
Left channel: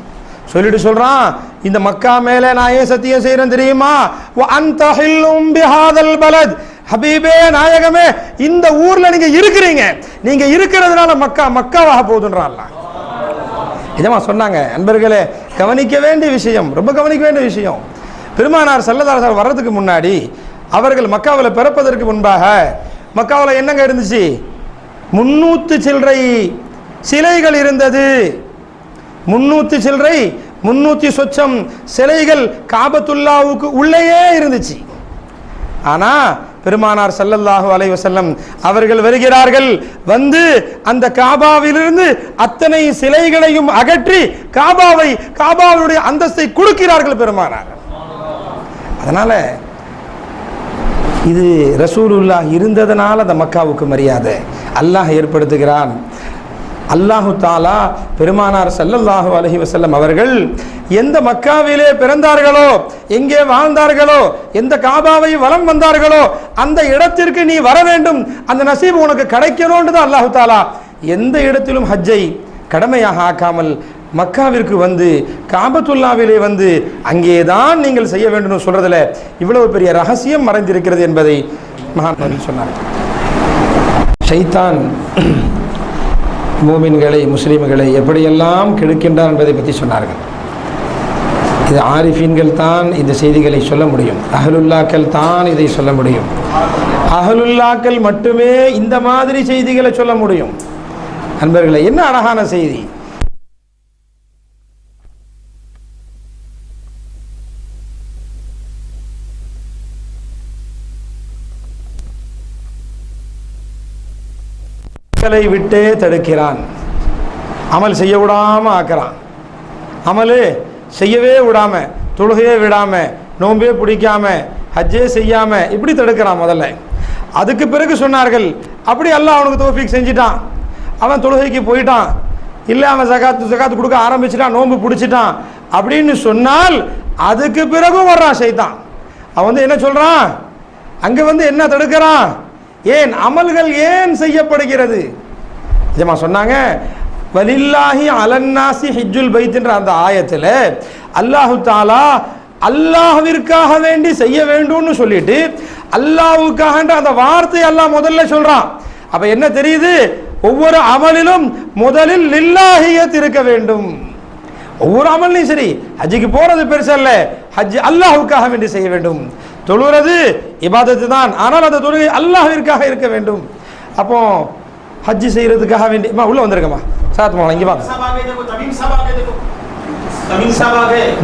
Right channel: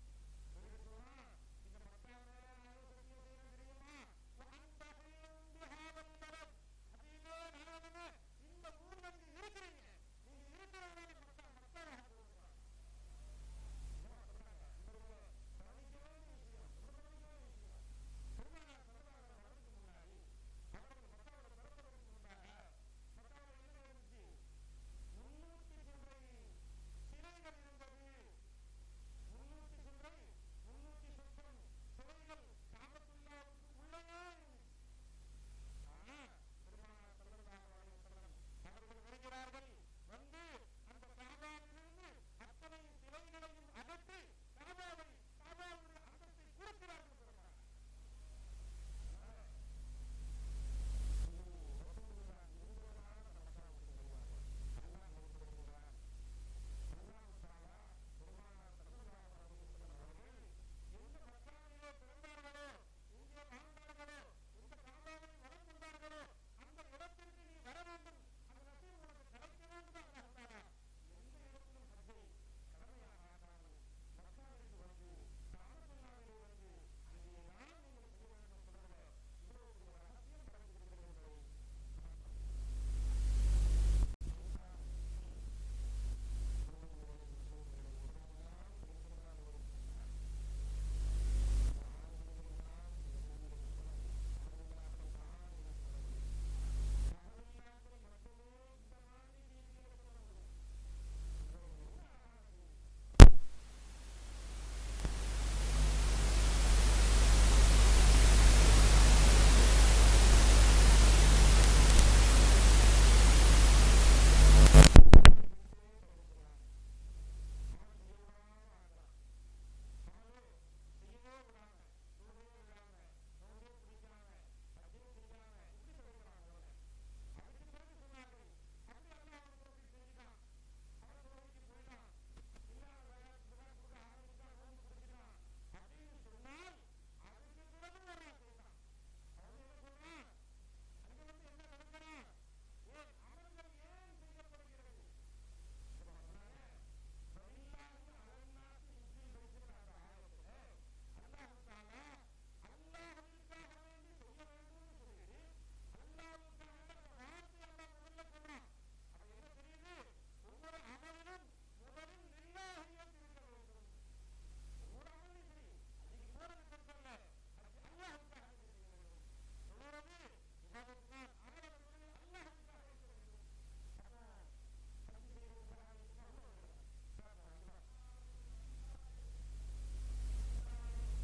இந்த மக்கா மேலே நான் ஏன் சத்தியம் செய்கிறேன் தெரியுமா? வ அன்தஹில்லும் பிஹாதல் பலத். ஹபீபே நாயகமே, இந்த ஊர்ல நீங்க இருக்கிறீங்க, நீங்க இருக்கிறதுனால மக்காவாக போகுதுன்றான் அல்லாஹ். இதமா சொன்னாங்க. அன்பர்களே, கவனிக்க வேண்டிய விஷயம், ரொம்ப கவனிக்க வேண்டிய விஷயம். பெருமானார் ஸல்லல்லாஹு அலைஹி வஸல்லம் வர்றதுக்கு முன்னாடி அவர்கள் மக்காவில் பிறப்பதற்கு முன்பாக மக்காவில் என்னங்க இருந்துச்சு? 300 சில்லறை சிலைகள் இருந்தது. 300 சில்லறை 300 சொச்சம் சிலைகள் காபத்துல்லாவுக்கு உள்ளேயே இருந்துச்சு. ஆனா பெருமானார் ஸல்லல்லாஹு அலைஹி வஸல்லம் அவர்கள் வருகிறார்கள், வந்து அந்த காபாவிலிருந்து அத்தனை சிலைகளையும் அகற்றி காபாவுடைய அந்தஸ்தை கொடுக்கிறார்கள் பெருமானார். அதனால இது ரசூலுல்லாஹ் இருந்ததனால அந்த மக்காவுக்கு மரியாதை அல்லாஹ் ஏற்படுத்துகிறான். அல்லாஹு தாலா பெருமானார் ஸல்லல்லாஹு அலைஹி வஸல்லம் அவர்கள் எந்த மக்காவிலே பிறந்தார்களோ, எங்கே வாழ்ந்தார்களோ, எந்த காபாவை வலம் வந்தார்களோ அந்த இடத்திற்கு நீ வர வேண்டும், அந்த நசீபு உனக்கு கிடைக்கணும்னு தான் அல்லாஹு தாலா எந்த இடத்திலும் ஹஜ்ஜை கடமையாக ஆக்காமல் மக்காவிற்கு வந்து காபத்துல்லாவிலே வந்து அங்கேதான் நீங்கள் செய்ய வேண்டும் சொல்றதுல இவ்வளவு பெரிய ரகசியம் மறைந்திருக்கிறது என்பதை மகான் சொன்னார். ஷைத்தான் மூமின்களை முஸ்லீம்களை எப்படியெல்லாம் கெடுக்கின்றார் என்பதை பற்றி சொன்னார்கள். இது ஆரிஃபீன்கள் தான் இந்த செய்திகளை சொல்ல முடியும், அஹலுல்லாக்கள் தான் இதை சொல்ல முடியும். அஹலுல்லாக்கள் மட்டுமே இந்த மாதிரி செய்திகளை சொல்ல முடியும். நண்பர்களே, என்ன அழகான செய்தி! விட்டே தடுக்கிறான், அமல் செய்ய விடாம ஆக்குறான். அமலு செய்யவே விடாம, தொழுகையே விடாம, நோம்பே பிடிக்காம, ஹஜ்ஜே செய்யாம இப்படி தடுக்கிறான் முதல்ல. அதுக்கு பிறகு சொன்னார்கள், அப்படி அல்லாஹ் அவனுக்கு தௌஃபீக் செஞ்சிட்டான், அவன் தொழுகைக்கு போயிட்டான், இல்லை அவன் ஜகாத்து கொடுக்க ஆரம்பிச்சிட்டான், நோம்பு பிடிச்சிட்டான் அப்படின்னு சொன்னால் அதுக்கு பிறகும் வர்றான் ஷைத்தான். அவன் என்ன சொல்றான், அங்க என்ன தடுக்கிறான்? ஏன் அமல்கள் ஏன் செய்யப்படுகிறது? ஜமா சொன்னாங்க, வலில்லாஹி அலன்னாசி ஹிஜ்ஜுல் பைத்ன்ற அந்த ஆயத்தில் அல்லாஹு தாலா அல்லாஹ்விற்காக வேண்டி செய்ய வேண்டும்னு சொல்லிட்டு அல்லாஹ்வுக்காக அந்த வார்த்தை அல்லாஹ் முதல்ல சொல்றான். அப்ப என்ன தெரியுது? ஒவ்வொரு அமலிலும் முதலில் லில்லாஹியத் இருக்க வேண்டும். ஒவ்வொரு அமல்லையும் சரி, ஹஜ்ஜுக்கு போறது பெருசல்ல, ஹஜ் அல்லாஹ்வுக்காக வேண்டி செய்ய வேண்டும். தொழுகிறது இபாதத்து தான், ஆனால் அந்த தொழுகை அல்லாஹ்விற்காக இருக்க வேண்டும். அப்போ ஹஜ் செய்யறதுக்காக வேண்டி உள்ள வந்திருக்கமா சாத் மோலாம் இங்கே வாங்க.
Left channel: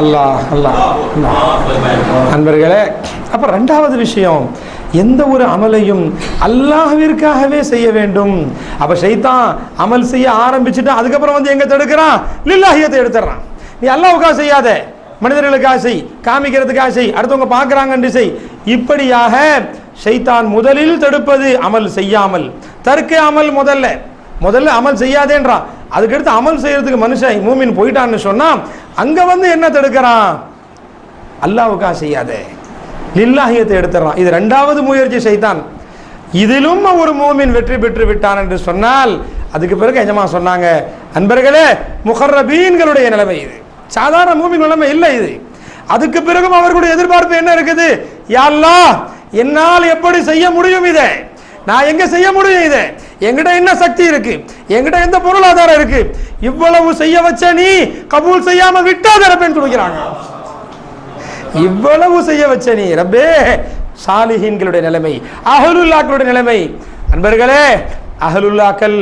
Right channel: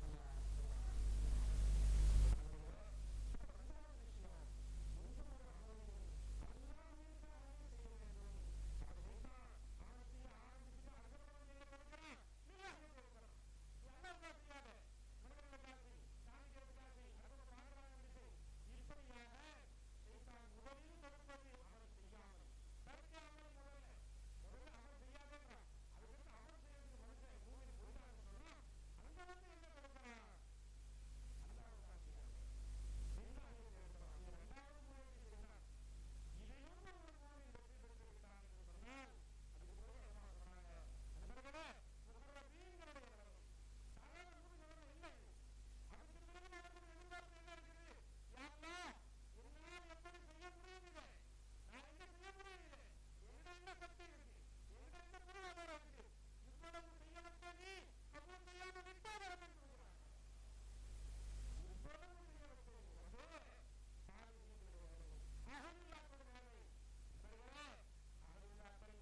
அல்லாஹ் அல்லாஹ். நண்பர்களே, அப்போ ரெண்டாவது விஷயம், எந்த ஒரு அமலையும் அல்லாஹ்விற்காகவே செய்ய வேண்டும். அப்ப ஷைத்தான் அமல் செய்ய ஆரம்பிச்சுட்டு அதுக்கப்புறம் எங்க தடுக்கிறான்? லில்லாஹியத்தை எடுத்துறான். நீ அல்லாஹ்வுக்காக செய்யாத, மனிதர்களுக்காக செய், காமிக்கிறதுக்காக செய், அடுத்தவங்க பார்க்கறாங்கன்னு செய். இப்படியாக ஷைத்தான் முதலில் தடுப்பது அமல் செய்யாமல். தர்க்க அமல் முதல்ல அமல் செய்யாதேன்றான். அதுக்கடுத்து அமல் செய்யறதுக்கு மனுஷன் மூமின் போயிட்டான்னு சொன்னா அங்க என்ன தடுக்கிறான்? அல்லாஹ்வுக்காக செய்யாதே, லில்லாஹியத்தை எடுத்துறான். இது ரெண்டாவது முயற்சி ஷைத்தான். இதிலும் ஒரு மூமின் வெற்றி பெற்று விட்டான் என்று சொன்னால் அதுக்கு பிறகு எஜமா சொன்னாங்க, அன்பர்களே, முகர்ரபீன்களுடைய நிலைமை இது, சாதாரண மூமின் நிலைமை இல்லை இது. அதுக்கு பிறகும் அவர்களுடைய எதிர்பார்ப்பு என்ன இருக்குது? யா அல்லாஹ், என்னால் எப்படி செய்ய முடியும் இதை? நான் எங்க செய்ய முடியும் இதை? என்கிட்ட என்ன சக்தி இருக்கு? என்கிட்ட எந்த பொருளாதாரம் இருக்கு? இவ்வளவு செய்ய வச்ச நீ கபூல் செய்யாம விட்டாத ரப்பேன்னு சொல்கிறாங்க. இவ்வளவு செய்ய வச்ச நீ ரப்பே. சாலிஹீன்களுடைய நிலைமை, அஹ்லுல்லாக்களுடைய நிலைமை. அன்பர்களே, அஹ்லுல்லாக்கள்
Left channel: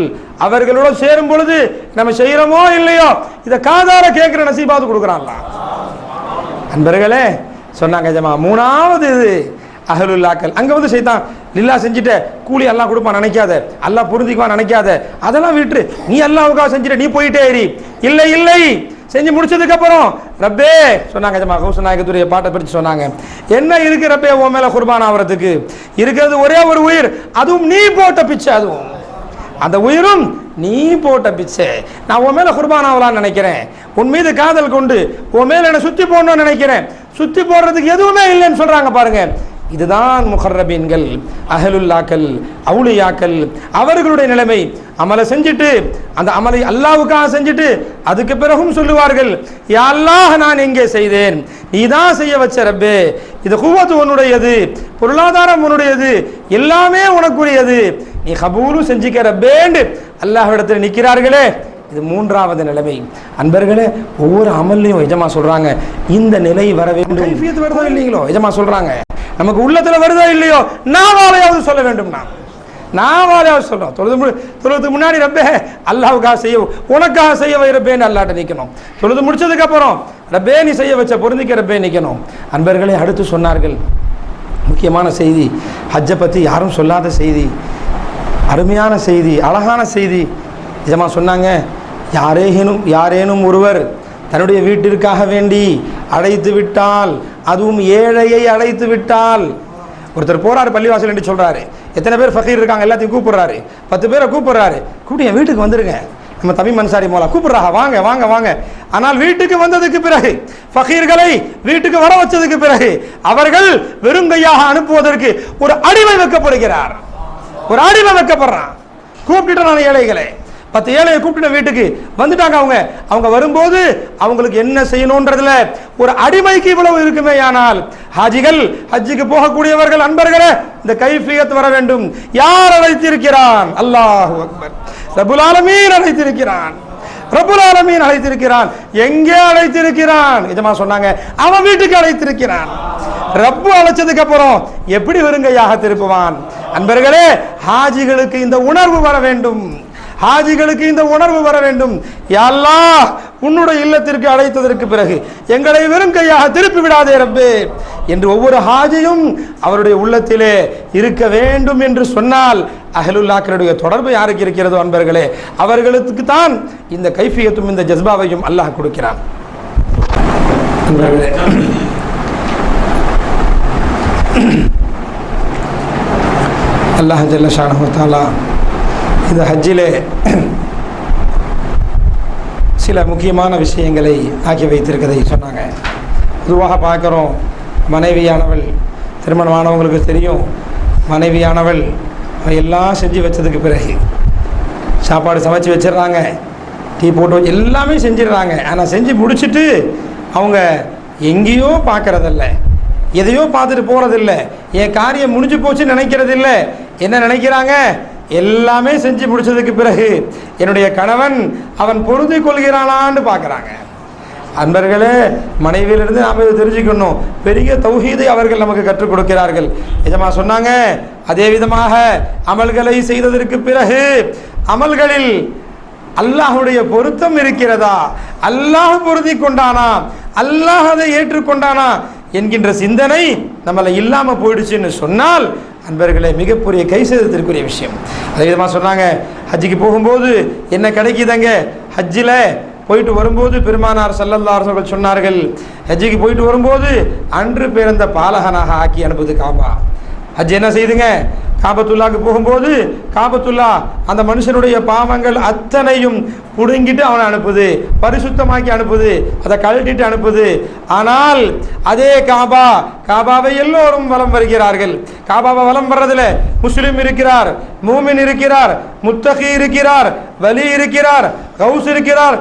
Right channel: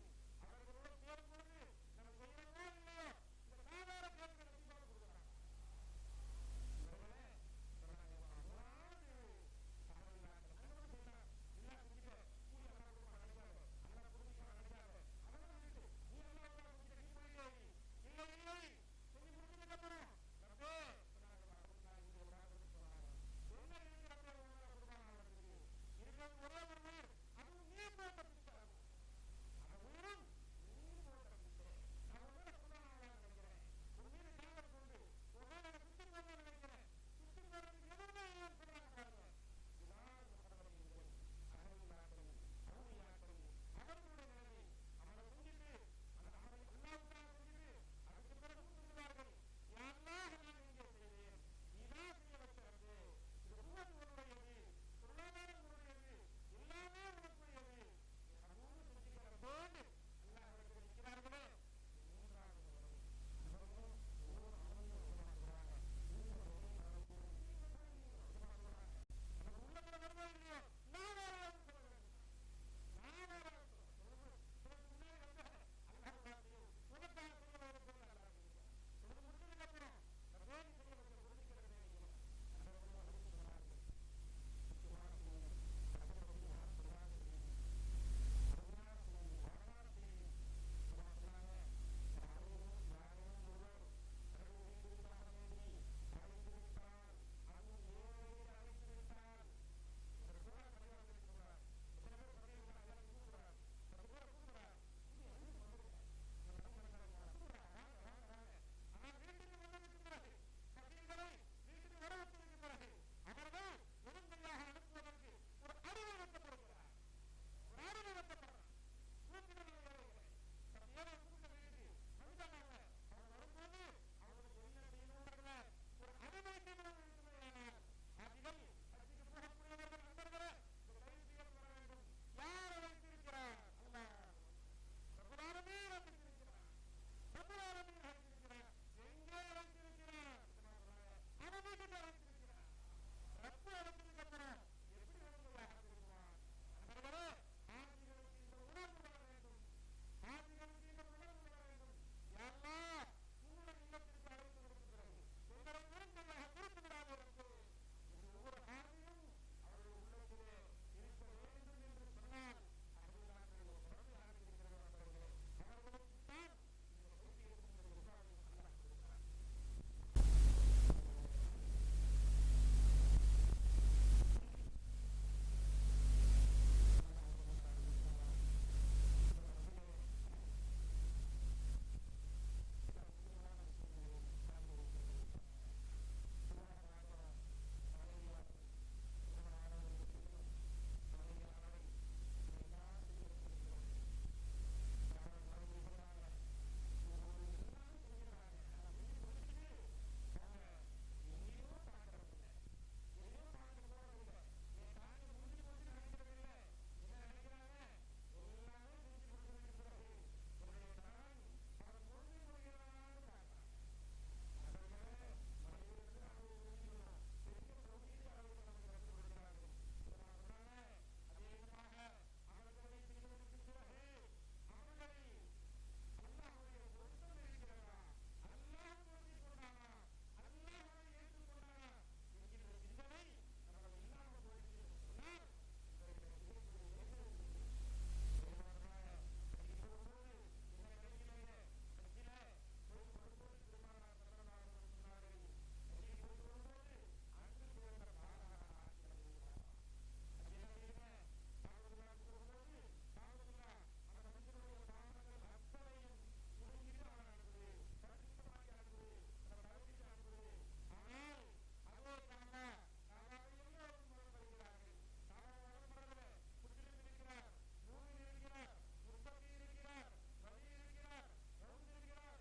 அவர்களோட சேரும் பொழுது நம்ம செய்யறோமோ இல்லையோ இதை காதார கேட்கிற நசீபாவது கொடுக்குறான்ல. அன்பர்களே சொன்னாங்க ஜமா, மூணாவது இது அஹ்லுல்லாக்கள். அங்க ஷைத்தான் லில்லா செஞ்சுட்ட கூலி அல்லாஹ் கொடுப்பான் நினைக்காத, அல்லாஹ் புரிஞ்சிக்குவான் நினைக்காத, அதெல்லாம் விட்டு நீ அல்லாஹ்வுக்காக செஞ்சுட்ட, நீ போயிட்டே ஏறி. இல்லை இல்லை, செஞ்சு முடிச்சதுக்கு அப்புறம் ரப்பே சொன்னாங்க ஜமா, கௌச நாயகத்துடைய பாட்டை பிரித்து சொன்னாங்க, என்ன இருக்கு ரப்பே உன் மேல குர்பான் ஆகிறதுக்கு? இருக்கிறது ஒரே ஒரு உயிர், அதுவும் நீ போட்ட பிச்சை, அதுவும் அந்த உயிரும் நீ போட்ட பிச்சை. நான் உன் மேல குர்பான் ஆகலான்னு நினைக்கிறேன், உன் மீது காதல் கொண்டு உன் மேல என்ன சுத்தி போடணும்னு நினைக்கிறேன், சுத்தி போடுறதுக்கு எதுவுமே இல்லைன்னு சொல்றாங்க பாருங்க. இதுதான் முகர்ரபீன்கள், அஹ்லுல்லாக்கள், அவுலியாக்கள். அவர்களுடைய நிலைமை அமலை செஞ்சுட்டு அந்த அமலை அல்லாஹ்வுக்காக செஞ்சுட்டு அதுக்கு பிறகும் சொல்லுவார்கள், யா அல்லாஹ், நான் எங்கே செய்தேன்? நீ தான் செய்ய வச்ச ரப்பே. இது குவத்து உன்னுடையது, பொருளாதாரம் உன்னுடையது, எல்லாமே உனக்குரியது, நீ கபூலும் செஞ்சுக்க ரப்பேண்டு அல்லாஹ்விடத்தில் நிற்கிறார்களே. இது மூன்றாவது நிலைமை. அன்பர்களே, ஒவ்வொரு அமல்லையும் எஜமா சொல்றாங்க, இந்த நிலை வர வேண்டும். கைஃபியத் வருதோ இல்லைங்களோ எஜமா சொல்றாங்க, நமக்கு உள்ளத்துல வருதோ இல்லையோ நாவாலையாவது சொல்ல வேண்டும். நாவாலையாவது சொல்றோம். தொழுதுக்கு முன்னாடி ரப்பே அல்லாஹ்வுக்காக செய்ய, உனக்காக செய்ய வை ரப்பேன்னு அல்லாஹ்ட்ட நிற்கணும். தொழுது முடிச்சதுக்கு அப்புறம் ரப்பே நீ செய்ய வச்ச பொருந்திக்க ரப்பே நிற்கணும். அன்பர்களே, அடுத்து சொன்னார்கள் முக்கியமான செய்தி, ஹஜ்ஜை பற்றி யாரும் சொல்லாத செய்தி, அருமையான செய்தி, அழகான செய்தி. நிஜமா சொன்னாங்க, யாரேனும் ஒருவர் தன்னுடைய வீட்டிற்காக வேண்டி அழைத்து விட்டால், அதுவும் ஏழையை அழைத்து விட்டால், ஒருத்தர் போறாரு பள்ளிவாசல் என்று சொல்றாரு, எத்தனை பேர் ஃபகீர் இருக்காங்க எல்லாத்தையும் கூப்பிடுறாரு, 10 பேரை கூப்பிடுறாரு, கூப்பிட்டு என் வீட்டுக்கு வந்துருங்க, நம்ம தமிழ் மன்சாரி மோலா கூப்பிடுறாங்க, வாங்க வாங்க வாங்க. ஆனால் வீட்டுக்கு வந்ததுக்கு பிறகு, ஃபகீர்களை வீட்டுக்கு வர வச்சதுக்கு பிறகு அவர்கள் வெறுங்கையாக அனுப்புவதற்கு ஒரு அடிமை வைக்கப்படுகிறார். ஒரு அடிமை வைக்கப்படுறான். கூப்பிட்டு நான் ஏழைகளை 10 ஏழையை கூப்பிட்டு வீட்டுக்கு வந்துட்டாங்க. அவங்க வரும்போது அவங்களுக்கு என்ன செய்யணும்ன்றதுல ஒரு அடிமைக்கு இவ்வளவு இருக்குமே. ஆனால் ஹாஜிகள், ஹஜ்ஜுக்கு போகக்கூடியவர்கள், அன்பர்களே, இந்த கைஃபியத் வர வேண்டும். யார் அழைத்திருக்கிறான்? அல்லாஹு அக்பர். ரப்புல் ஆலமீன் அழைத்திருக்கிறான். ரப்புல் ஆலமீன் அழைத்திருக்கிறான். எங்கே அழைத்திருக்கிறான்? எஜமா சொன்னாங்க, அவன் வீட்டுக்கு அழைத்திருக்கிறான். ரப்பு அழைச்சதுக்கு அப்புறம் எப்படி வெறுங்கையாக திருப்புவான்? அன்பர்களே, ஹாஜிகளுக்கு இந்த உணர்வு வர வேண்டும். ஹாஜிகளுக்கு இந்த உணர்வு வர வேண்டும். யா அல்லாஹ், உன்னுடைய இல்லத்திற்கு அழைத்ததற்கு பிறகு எங்களை வெறும் கையாக திருப்பி விடாதே ரப்பே என்று ஒவ்வொரு ஹாஜியும் அவருடைய உள்ளத்திலே இருக்க வேண்டும் என்று சொன்னால், அஹ்லுல்லாஹ்களுடைய தொடர்பு யாருக்கு இருக்கிறதோ அன்பர்களே, அவர்களுக்கு தான் இந்த கைஃபியத்தும் இந்த ஜஸ்பாவையும் அல்லாஹ் கொடுக்கிறான். அல்லாஹ் ஜல்ல ஷானஹு தஆலா இந்த ஹஜ்ஜிலே சில முக்கியமான விஷயங்களை ஆக்கி வைத்திருக்கதை சொன்னாங்க. பொதுவாக பார்க்குறோம், மனைவியானவள், திருமணமானவங்களுக்கு தெரியும், மனைவியானவள் எல்லாம் செஞ்சு வச்சதுக்கு பிறகு சாப்பாடு சமைச்சு வச்சிடுறாங்க, டீ போட்டு வச்சு எல்லாமே செஞ்சிடுறாங்க. ஆனால் செஞ்சு முடிச்சுட்டு அவங்க எங்கேயோ பார்க்குறதில்ல, எதையோ பார்த்துட்டு போகிறதில்ல, என் காரியம் முடிஞ்சு போச்சுன்னு நினைக்கிறதில்ல. என்ன நினைக்கிறாங்க? எல்லாமே செஞ்சு முடிச்சதுக்கு பிறகு என்னுடைய கணவன் அவன் பொருந்தி கொள்கிறானான்னு பார்க்குறாங்க. அன்பர்களே, மனைவியிலிருந்து நாம் இதை தெரிஞ்சுக்கணும். பெரிய தௌஹீதை அவர்கள் நமக்கு கற்றுக் கொடுக்கிறார்கள். எஜமா சொன்னாங்க, அதே விதமாக அமல்களை செய்ததற்கு பிறகு அமல்களில் அல்லாஹுடைய பொருத்தம் இருக்கிறதா, அல்லாஹ் பொருந்தி கொண்டானா, அல்லாஹ் அதை ஏற்றுக்கொண்டானா என்கின்ற சிந்தனை நம்மளை இல்லாமல் போயிடுச்சுன்னு சொன்னால், அன்பர்களே, மிகப்பெரிய கை சேதத்திற்குரிய விஷயம். அதே விதமாக சொன்னாங்க, ஹஜ்ஜுக்கு போகும்போது என்ன கிடைக்குதுங்க? ஹஜ்ஜில் போயிட்டு வரும்போது பெருமானார் ஸல்லல்லாஹு அலைஹி வஸல்லம் சொன்னார்கள், ஹஜ்ஜுக்கு போயிட்டு வரும்போது அன்று பிறந்த பாலகனாக ஆக்கி அனுப்புது காபா. ஹஜ் என்ன செய்துங்க? காபத்துல்லாவுக்கு போகும்போது காபத்துல்லா அந்த மனுஷனுடைய பாவங்கள் அத்தனையும் புடுங்கிட்டு அவனை அனுப்புது, பரிசுத்தமாக்கி அனுப்புது, அதை கழட்டிட்டு அனுப்புது. ஆனால் அதே காபாவை எல்லோரும் வலம் வருகிறார்கள். காபாவை வலம் வர்றதுல முஸ்லிம் இருக்கிறார், மூமின் இருக்கிறார், முத்தகி இருக்கிறார், வலி இருக்கிறார், கௌஸ் இருக்கிறார்,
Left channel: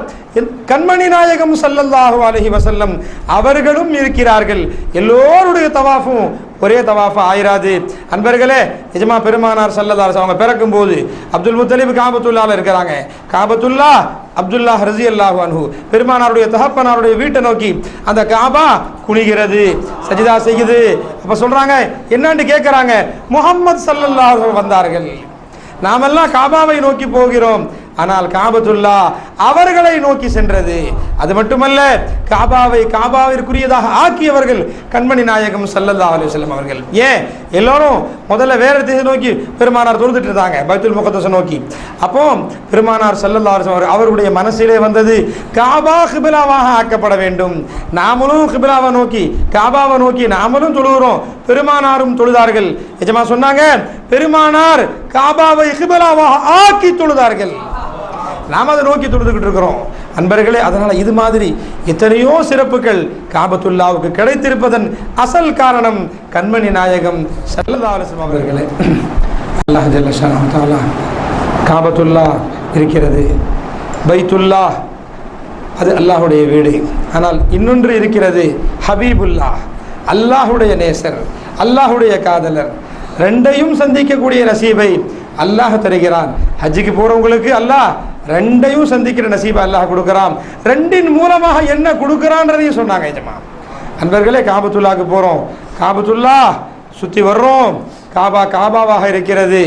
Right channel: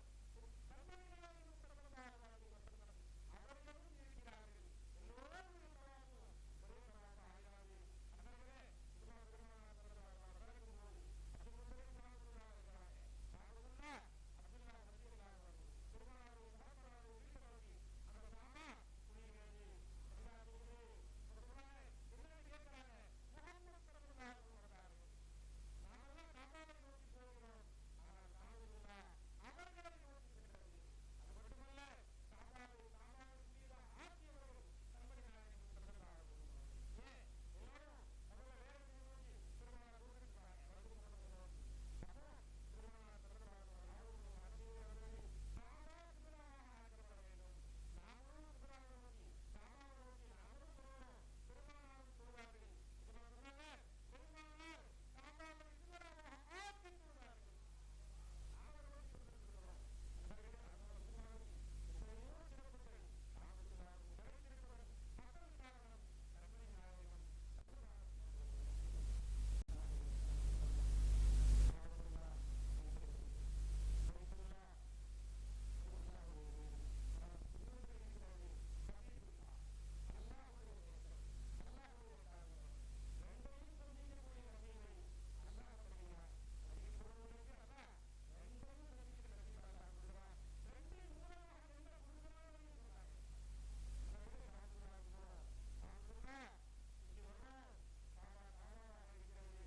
கண்மணி நாயகம் ஸல்லல்லாஹு அலைஹி வஸல்லம் அவர்களும் இருக்கிறார்கள். எல்லோருடைய தவாஃபும் ஒரே தவாஃபா ஆயிராது. அன்பர்களே, நிஜமா பெருமானார் ஸல்லல்லாஹு அலைஹி அவங்க பிறக்கும் போது அப்துல் முத்தலிப் காபத்துல்லால இருக்கிறாங்க. காபத்துல்லா அப்துல்லாஹ் ரஸியல்லாஹு அன்ஹு பெருமானாருடைய தகப்பனாருடைய வீட்டை நோக்கி அந்த காபா குனிகிறது, சஜிதா செய்யுது. அப்ப சொல்றாங்க, என்னன்னு கேட்கிறாங்க, முஹம்மது ஸல்லல்லாஹு அலைஹி வந்தார்கள், நாமெல்லாம் காபாவை நோக்கி போகிறோம், ஆனால் காபத்துல்லா அவர்களை நோக்கி சென்றது. அது மட்டுமல்ல, காபாவிற்குரியதாக ஆக்கியவர்கள் கண்மணி நாயகம் ஸல்லல்லாஹு அலைஹி வஸல்லம் அவர்கள். ஏன் எல்லாரும் முதல்ல வேற திசை நோக்கி பெருமானார் தொழுதுட்டு இருந்தாங்க, பைத்துல் முகத்தஸ நோக்கி. அப்போ பெருமானார் ஸல்லல்லாஹு அலைஹி வஸல்லம் அவருடைய மனசிலே வந்தது, காபா கிபிலாவாக ஆக்கப்பட வேண்டும். நாமளும் கிபிலாவை நோக்கி, காபாவை நோக்கி நாமளும் தொழுகிறோம், பெருமானாரும் தொழுதார்கள். எஜமா சொன்னாங்க, பெருமானார் காபாவை கிபிலாவாக ஆக்கி தொழுதார்கள், நாம் அதை நோக்கி தொழுதுகிட்டு இருக்கிறோம். அன்பர்களே, அதனால் இது மாதிரி எத்தனையோ சிறப்புகள் காபத்துல்லாவுக்கு கிடைத்திருப்பதன் அசல் காரணம் கண்மணி நாயகம் ஸல்லல்லாஹு அலைஹி வஸல்லம் அவர்களே. அல்லாஹ் ஜல்ல ஷானஹு தஆலா காபத்துல்லா இருக்கிறது, பைத்துல்லா அது அல்லாஹுடைய வீடு. ஆனால் இன்னொன்று இருக்கிறது, ஹபீபுல்லா, அல்லாஹுடைய நேசர், அல்லாஹுடைய காதலர். ரெண்டையும் சந்திக்கக்கூடிய நசீபை அல்லாஹ் தருகிறான். ஹஜ்ஜுக்கு போறவங்களுக்கு அல்லாஹ் ரெண்டையும் சந்திக்கிற நசீபை அல்லாஹ் கொடுக்கிறான். ரெண்டின் மூலமாக என்ன கொடுக்கிறான்றதையும் சொன்னாங்க. ஜமா அன்பர்களே, காபத்துல்லாவுக்கு போறோம், காபத்துல்லா சுத்தி வர்றோம், காபாவாக இருக்கிறது.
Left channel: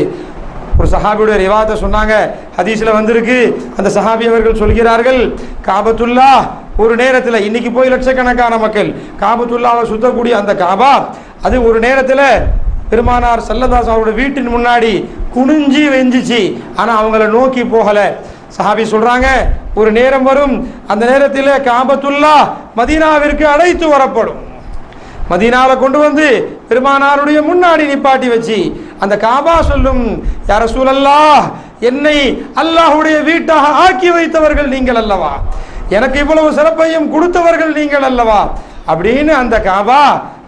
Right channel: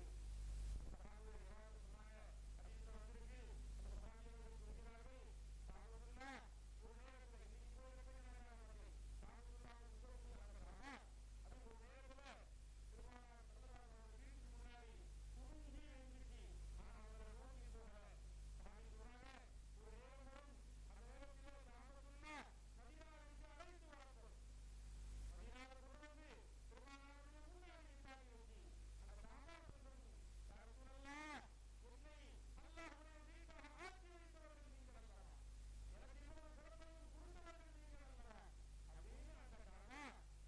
ஒரு சஹாபியுடைய ரிவாயத்தை சொன்னாங்க, ஹதீஸ்ல வந்திருக்கு. அந்த சஹாபி அவர்கள் சொல்கிறார்கள், காபத்துல்லா ஒரு நேரத்தில், இன்னைக்கு போய் லட்சக்கணக்கான மக்கள் காபத்துல்லாவை சுத்தக்கூடிய அந்த காபா, அது ஒரு நேரத்தில் பெருமானார் ஸல்லல்லாஹு அலைஹி அவருடைய வீட்டின் முன்னாடி குனிஞ்சி வெஞ்சிச்சு, ஆனால் அவங்கள நோக்கி போகல. சஹாபி சொல்றாங்க, ஒரு நேரம் வரும், அந்த நேரத்தில் காபத்துல்லா மதீனாவிற்கு அழைத்து வரப்படும். மதீனாவில் கொண்டு வந்து பெருமானாருடைய முன்னாடி நிப்பாட்டி வச்சு அந்த காபா சொல்லும், யா ரசூலல்லாஹ், என்னை அல்லாஹ்வுடைய வீட்டாக ஆக்கி வைத்தவர்கள் நீங்கள் அல்லவா, எனக்கு இவ்வளவு சிறப்பையும் கொடுத்தவர்கள் நீங்கள் அல்லவா அப்படின்னு அந்த காபா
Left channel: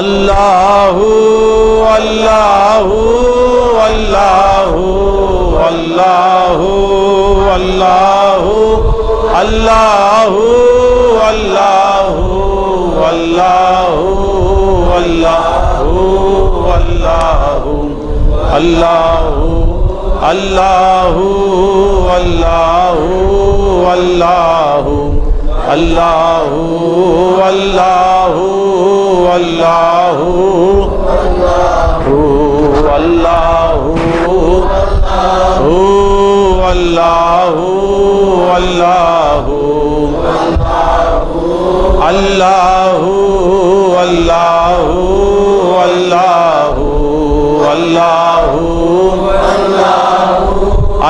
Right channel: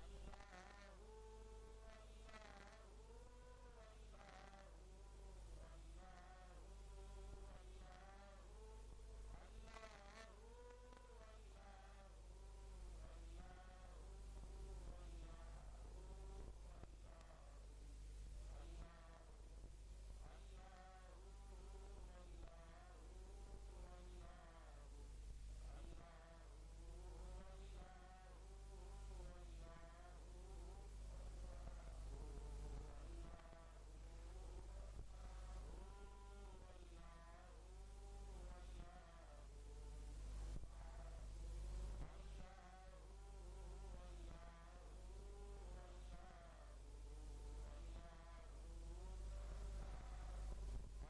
اللہ اللہ اللہ اللہ اللہ اللہ اللہ اللہ اللہ اللہ اللہ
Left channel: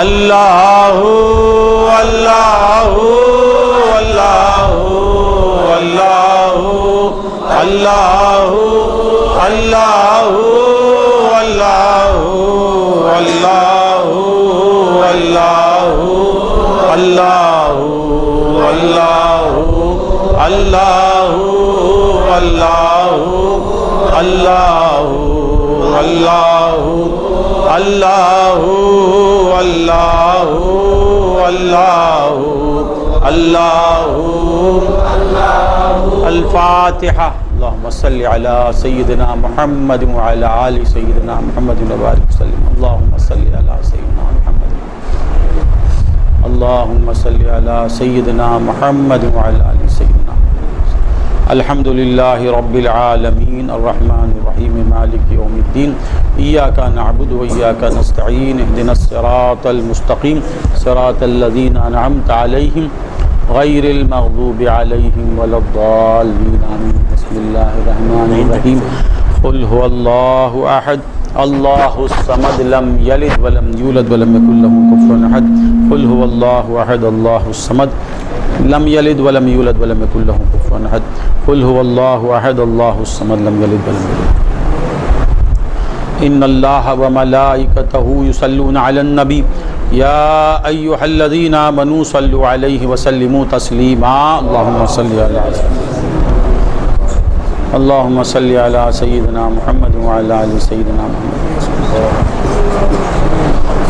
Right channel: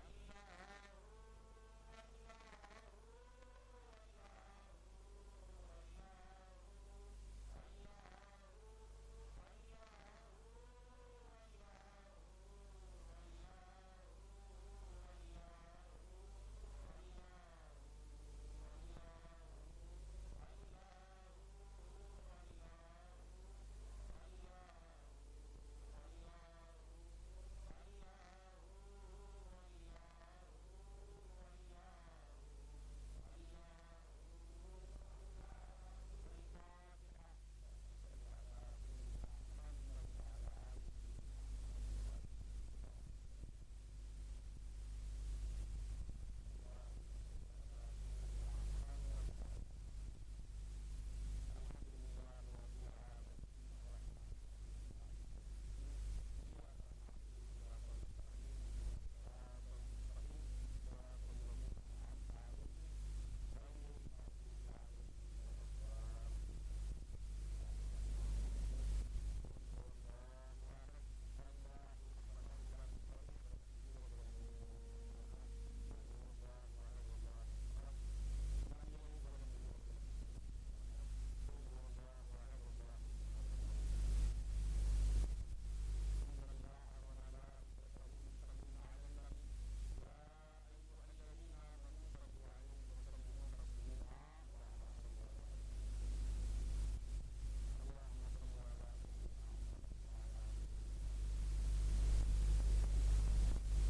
اللہ اللہ اللہ اللہ اللہ الفاتحة. اللهم صل على سيدنا محمد وعلى آل سيدنا محمد وبارك وسلم. اللهم صل على سيدنا محمد. اللهم صل على سيدنا محمد وعلى آل سيدنا محمد. الحمد لله رب العالمين الرحمن الرحيم مالك يوم الدين إياك نعبد وإياك نستعين اهدنا الصراط المستقيم صراط الذين أنعمت عليهم غير المغضوب عليهم ولا الضالين آمين. بسم الله الرحمن الرحيم. قل هو الله أحد الله الصمد لم يلد ولم يولد ولم يكن له كفوا أحد. قل هو الله أحد الله الصمد لم يلد ولم يولد ولم يكن له كفوا أحد. قل هو الله أحد الله الصمد لم يلد ولم يولد. إن الله وملائكته يصلون على النبي يا أيها الذين آمنوا صلوا عليه وسلموا تسليما. اللهم صل على اللهم صل على سيدنا محمد وعلى آل سيدنا محمد.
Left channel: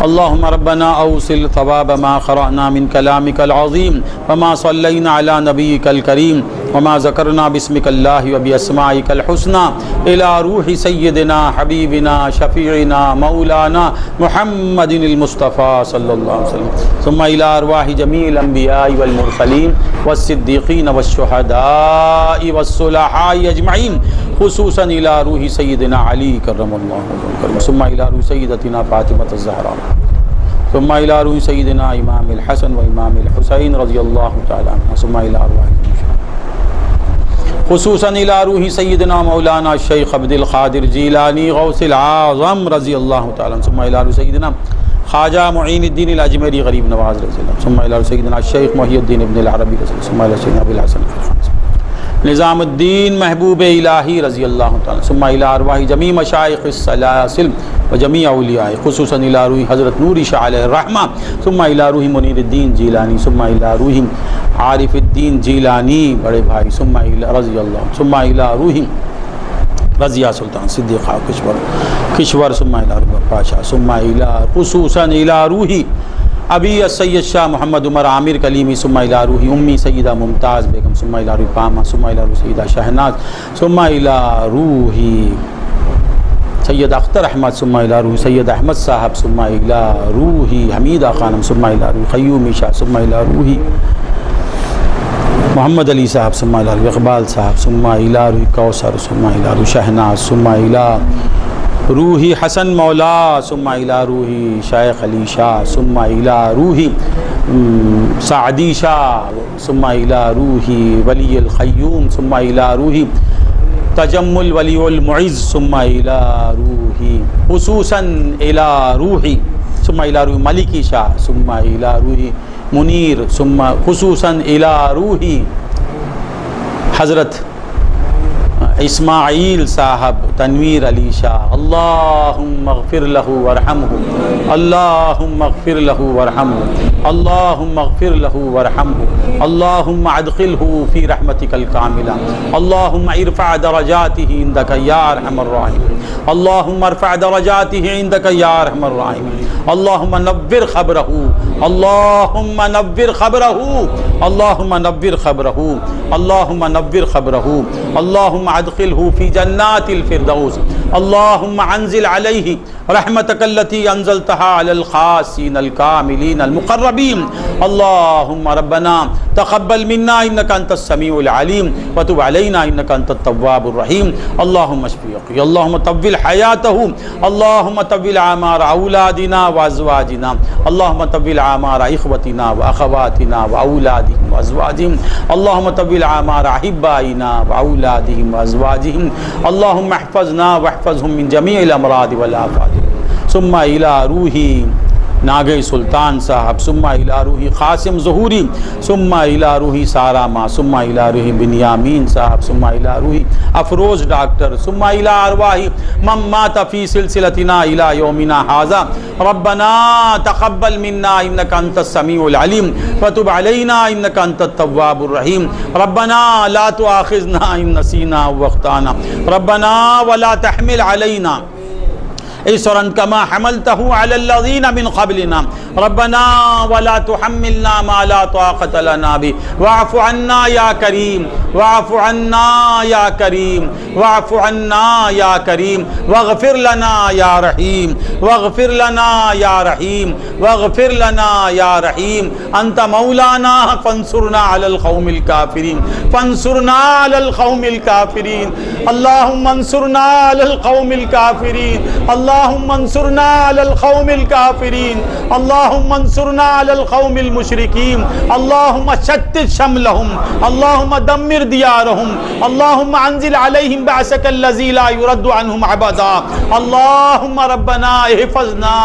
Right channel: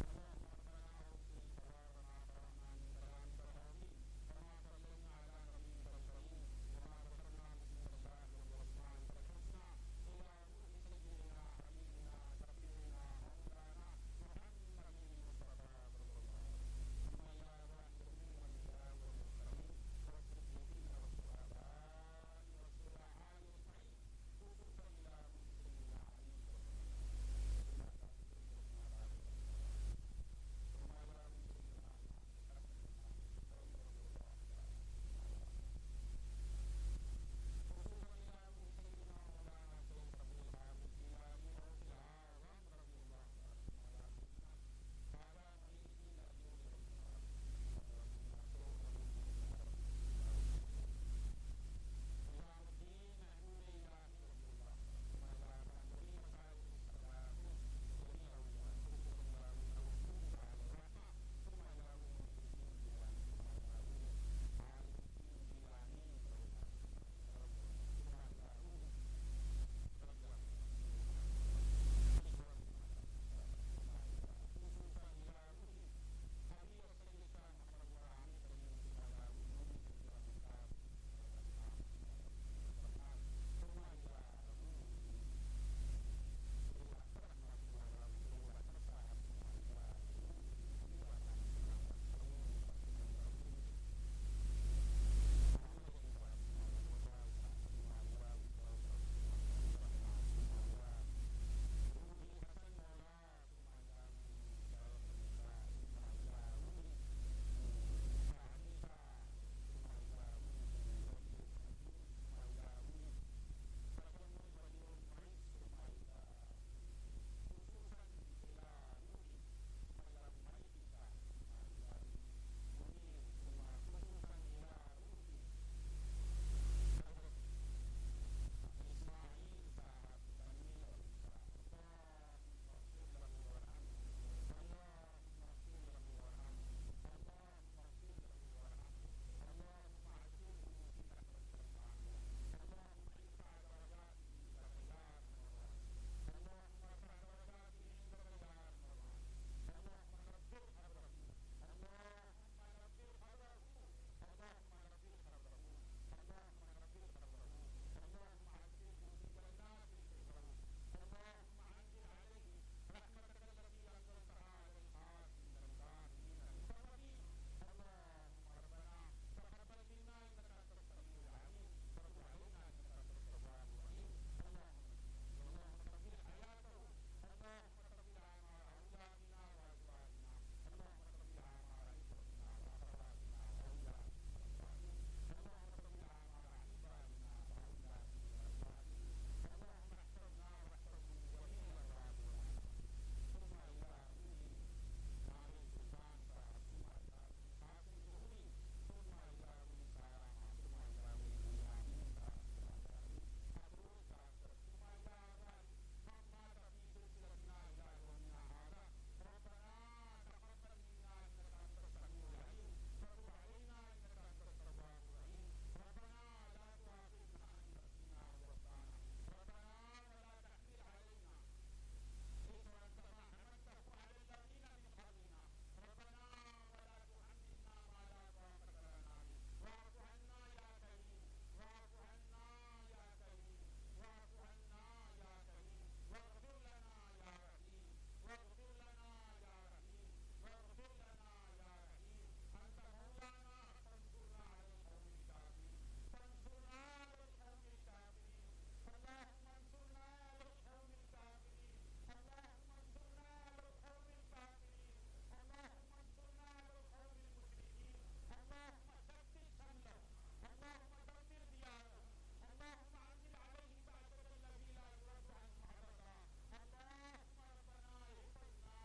اللهم ربنا أوصل ثواب ما قرأنا من كلامك العظيم وما صلينا على نبيك الكريم وما ذكرنا باسمك الله وبأسمائك الحسنى إلى روح سيدنا حبيبنا شفيعنا مولانا محمد المصطفى صلى الله عليه وسلم ثم إلى أرواح جميع الأنبياء والمرسلين والصديقين والشهداء والصلحاء أجمعين خصوصا إلى روح سيدنا علي كرم الله وجهه ثم إلى روح سيدتنا فاطمة الزهراء ثم إلى روح سيدنا إمام الحسن وإمام الحسين رضي الله تعالى عنهم ثم إلى أرواح خصوصا إلى روح سيدنا مولانا الشيخ عبد القادر جیلانی غوث العظم رضی اللہ تعالیٰ عنہ ثم إلى روح سيدنا خواجہ معین الدین الاجمیری غریب نواز رضی اللہ ثم إلى روح سيدنا الشيخ محی الدین ابن العربی رضی اللہ ثم إلى سيدنا ابو الحسن نظام الدین محبوب الہی رضی اللہ تعالیٰ ثم إلى أرواح جمیع مشائخ السلاسل وجمیع اولیاء خصوصا إلى روح حضرت نوری شاہ علیہ الرحمہ ثم إلى روح منیر الدین جیلانی ثم إلى روح عارف الدین جیلانی بڑے بھائی ثم إلى رضی اللہ ثم إلى روح رضیہ سلطان صدیقہ کشور ثم إلى روح پاشا ثم إلى خصوصا إلى روح ابی السید شاہ محمد عمر عامر کلیمی ثم إلى روح امی سیدہ ممتاز بیگم ثم إلى روح پاما ثم إلى روح سیدہ شہناز ثم إلى روح سید اختر احمد ثم إلى روح سید احمد صاحب ثم إلى روح حمیدہ خانم ثم إلى روح قیومی شاہ ثم إلى روح محمد علی صاحب ثم إلى روح اقبال صاحب ثم إلى روح کوثر ثم إلى روح شہناز ثم إلى روح حسن مولا ثم إلى روح شیخ علی شاہ ثم إلى روح سعدی شاہ ثم إلى روح ولی الخیوم ثم إلى روح تجمل ولی المعز ثم إلى روح خصوصا إلى روح ثم إلى روح ملکی شاہ ثم إلى روح منیر ثم خصوصا إلى روح حضرت اسماعیل صاحب تنویر علی شاہ، اللہم اغفر لہو ورحمہ، اللہم اغفر لہو ورحمہ، اللہم اغفر لہو ورحمہ، اللہم ادخلہ فی رحمتک الکاملہ، اللہم ارفع درجاتہ عندک یا ارحم الراحمین، اللہم ارفع درجاتہ عندک یا ارحم الراحمین، اللہم نور خبرہ، اللہم نور خبرہ، اللہم نور خبرہ، اللہم نور خبرہ، اللہم ادخلہ فی جنات الفردوس، اللہم انزل علیہ رحمتک التي انزلتها على الخاصین الکاملین المقربین، اللہم ربنا تقبل منا انک انت السمیع العلیم وتب علینا انک انت التواب الرحیم، اللہم اشفی، اللہم طول حیاتہ، اللہم طول اعمار اولادنا وازواجنا، اللہم طول اعمار اخوتنا واخواتنا واولادهم وازواجهم، اللہم طول اعمار احبائنا واولادهم وازواجهم، اللہم احفظنا واحفظهم من جمیع الامراض والآفات، ثم الى روحی ناگئی سلطان صاحب، ثم الى روحی قاسم ظہوری، ثم الى روحی ساراما، ثم الى روحی بنیامین صاحب، ثم الى روحی افروز ڈاکٹر، ثم الى ارواح من مات فی سلسلتنا الى یومنا ھذا، ربنا تقبل منا انک انت السمیع العلیم وتب علینا انک انت التواب الرحیم، ربنا لا تؤاخذنا ان نسینا واخطانا، ربنا ولا تحمل علینا اصرا كما حملته على الذين من قبلنا، ربنا ولا تحملنا ما لا طاقة لنا به، واعف عنا يا كريم، واعف عنا يا كريم، واعف عنا يا كريم، واغفر لنا يا رحيم، واغفر لنا يا رحيم، واغفر لنا يا رحيم، أنت مولانا فانصرنا على القوم الكافرين، فانصرنا على القوم الكافرين، اللهم انصرنا على القوم الكافرين، اللهم انصرنا على القوم الكافرين، اللهم انصرنا على القوم المشركين، اللهم شتت شملهم، اللهم دمر ديارهم، اللهم انزل عليهم بعثك الذي لا يرد عنهم ابدا، اللهم ربنا احفظنا،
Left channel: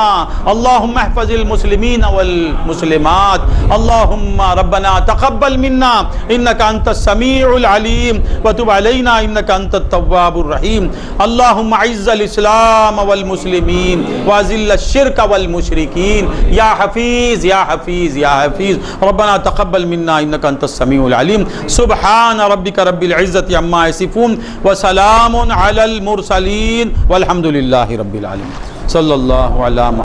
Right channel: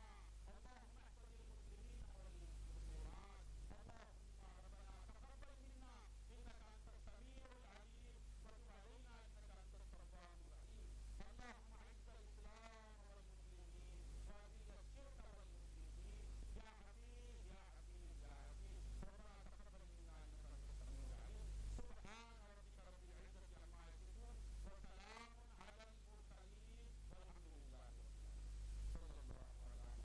اللهم احفظ المسلمين والمسلمات، اللهم ربنا تقبل منا انك انت السميع العليم وتب علينا انك انت التواب الرحيم، اللهم اعز الاسلام والمسلمين واذل الشرك والمشركين، يا حفيظ يا حفيظ يا حفيظ، ربنا تقبل منا انك انت السميع العليم، سبحان ربك رب العزة عما يصفون وسلام على المرسلين والحمد لله رب العالمين، صلى الله على محمد.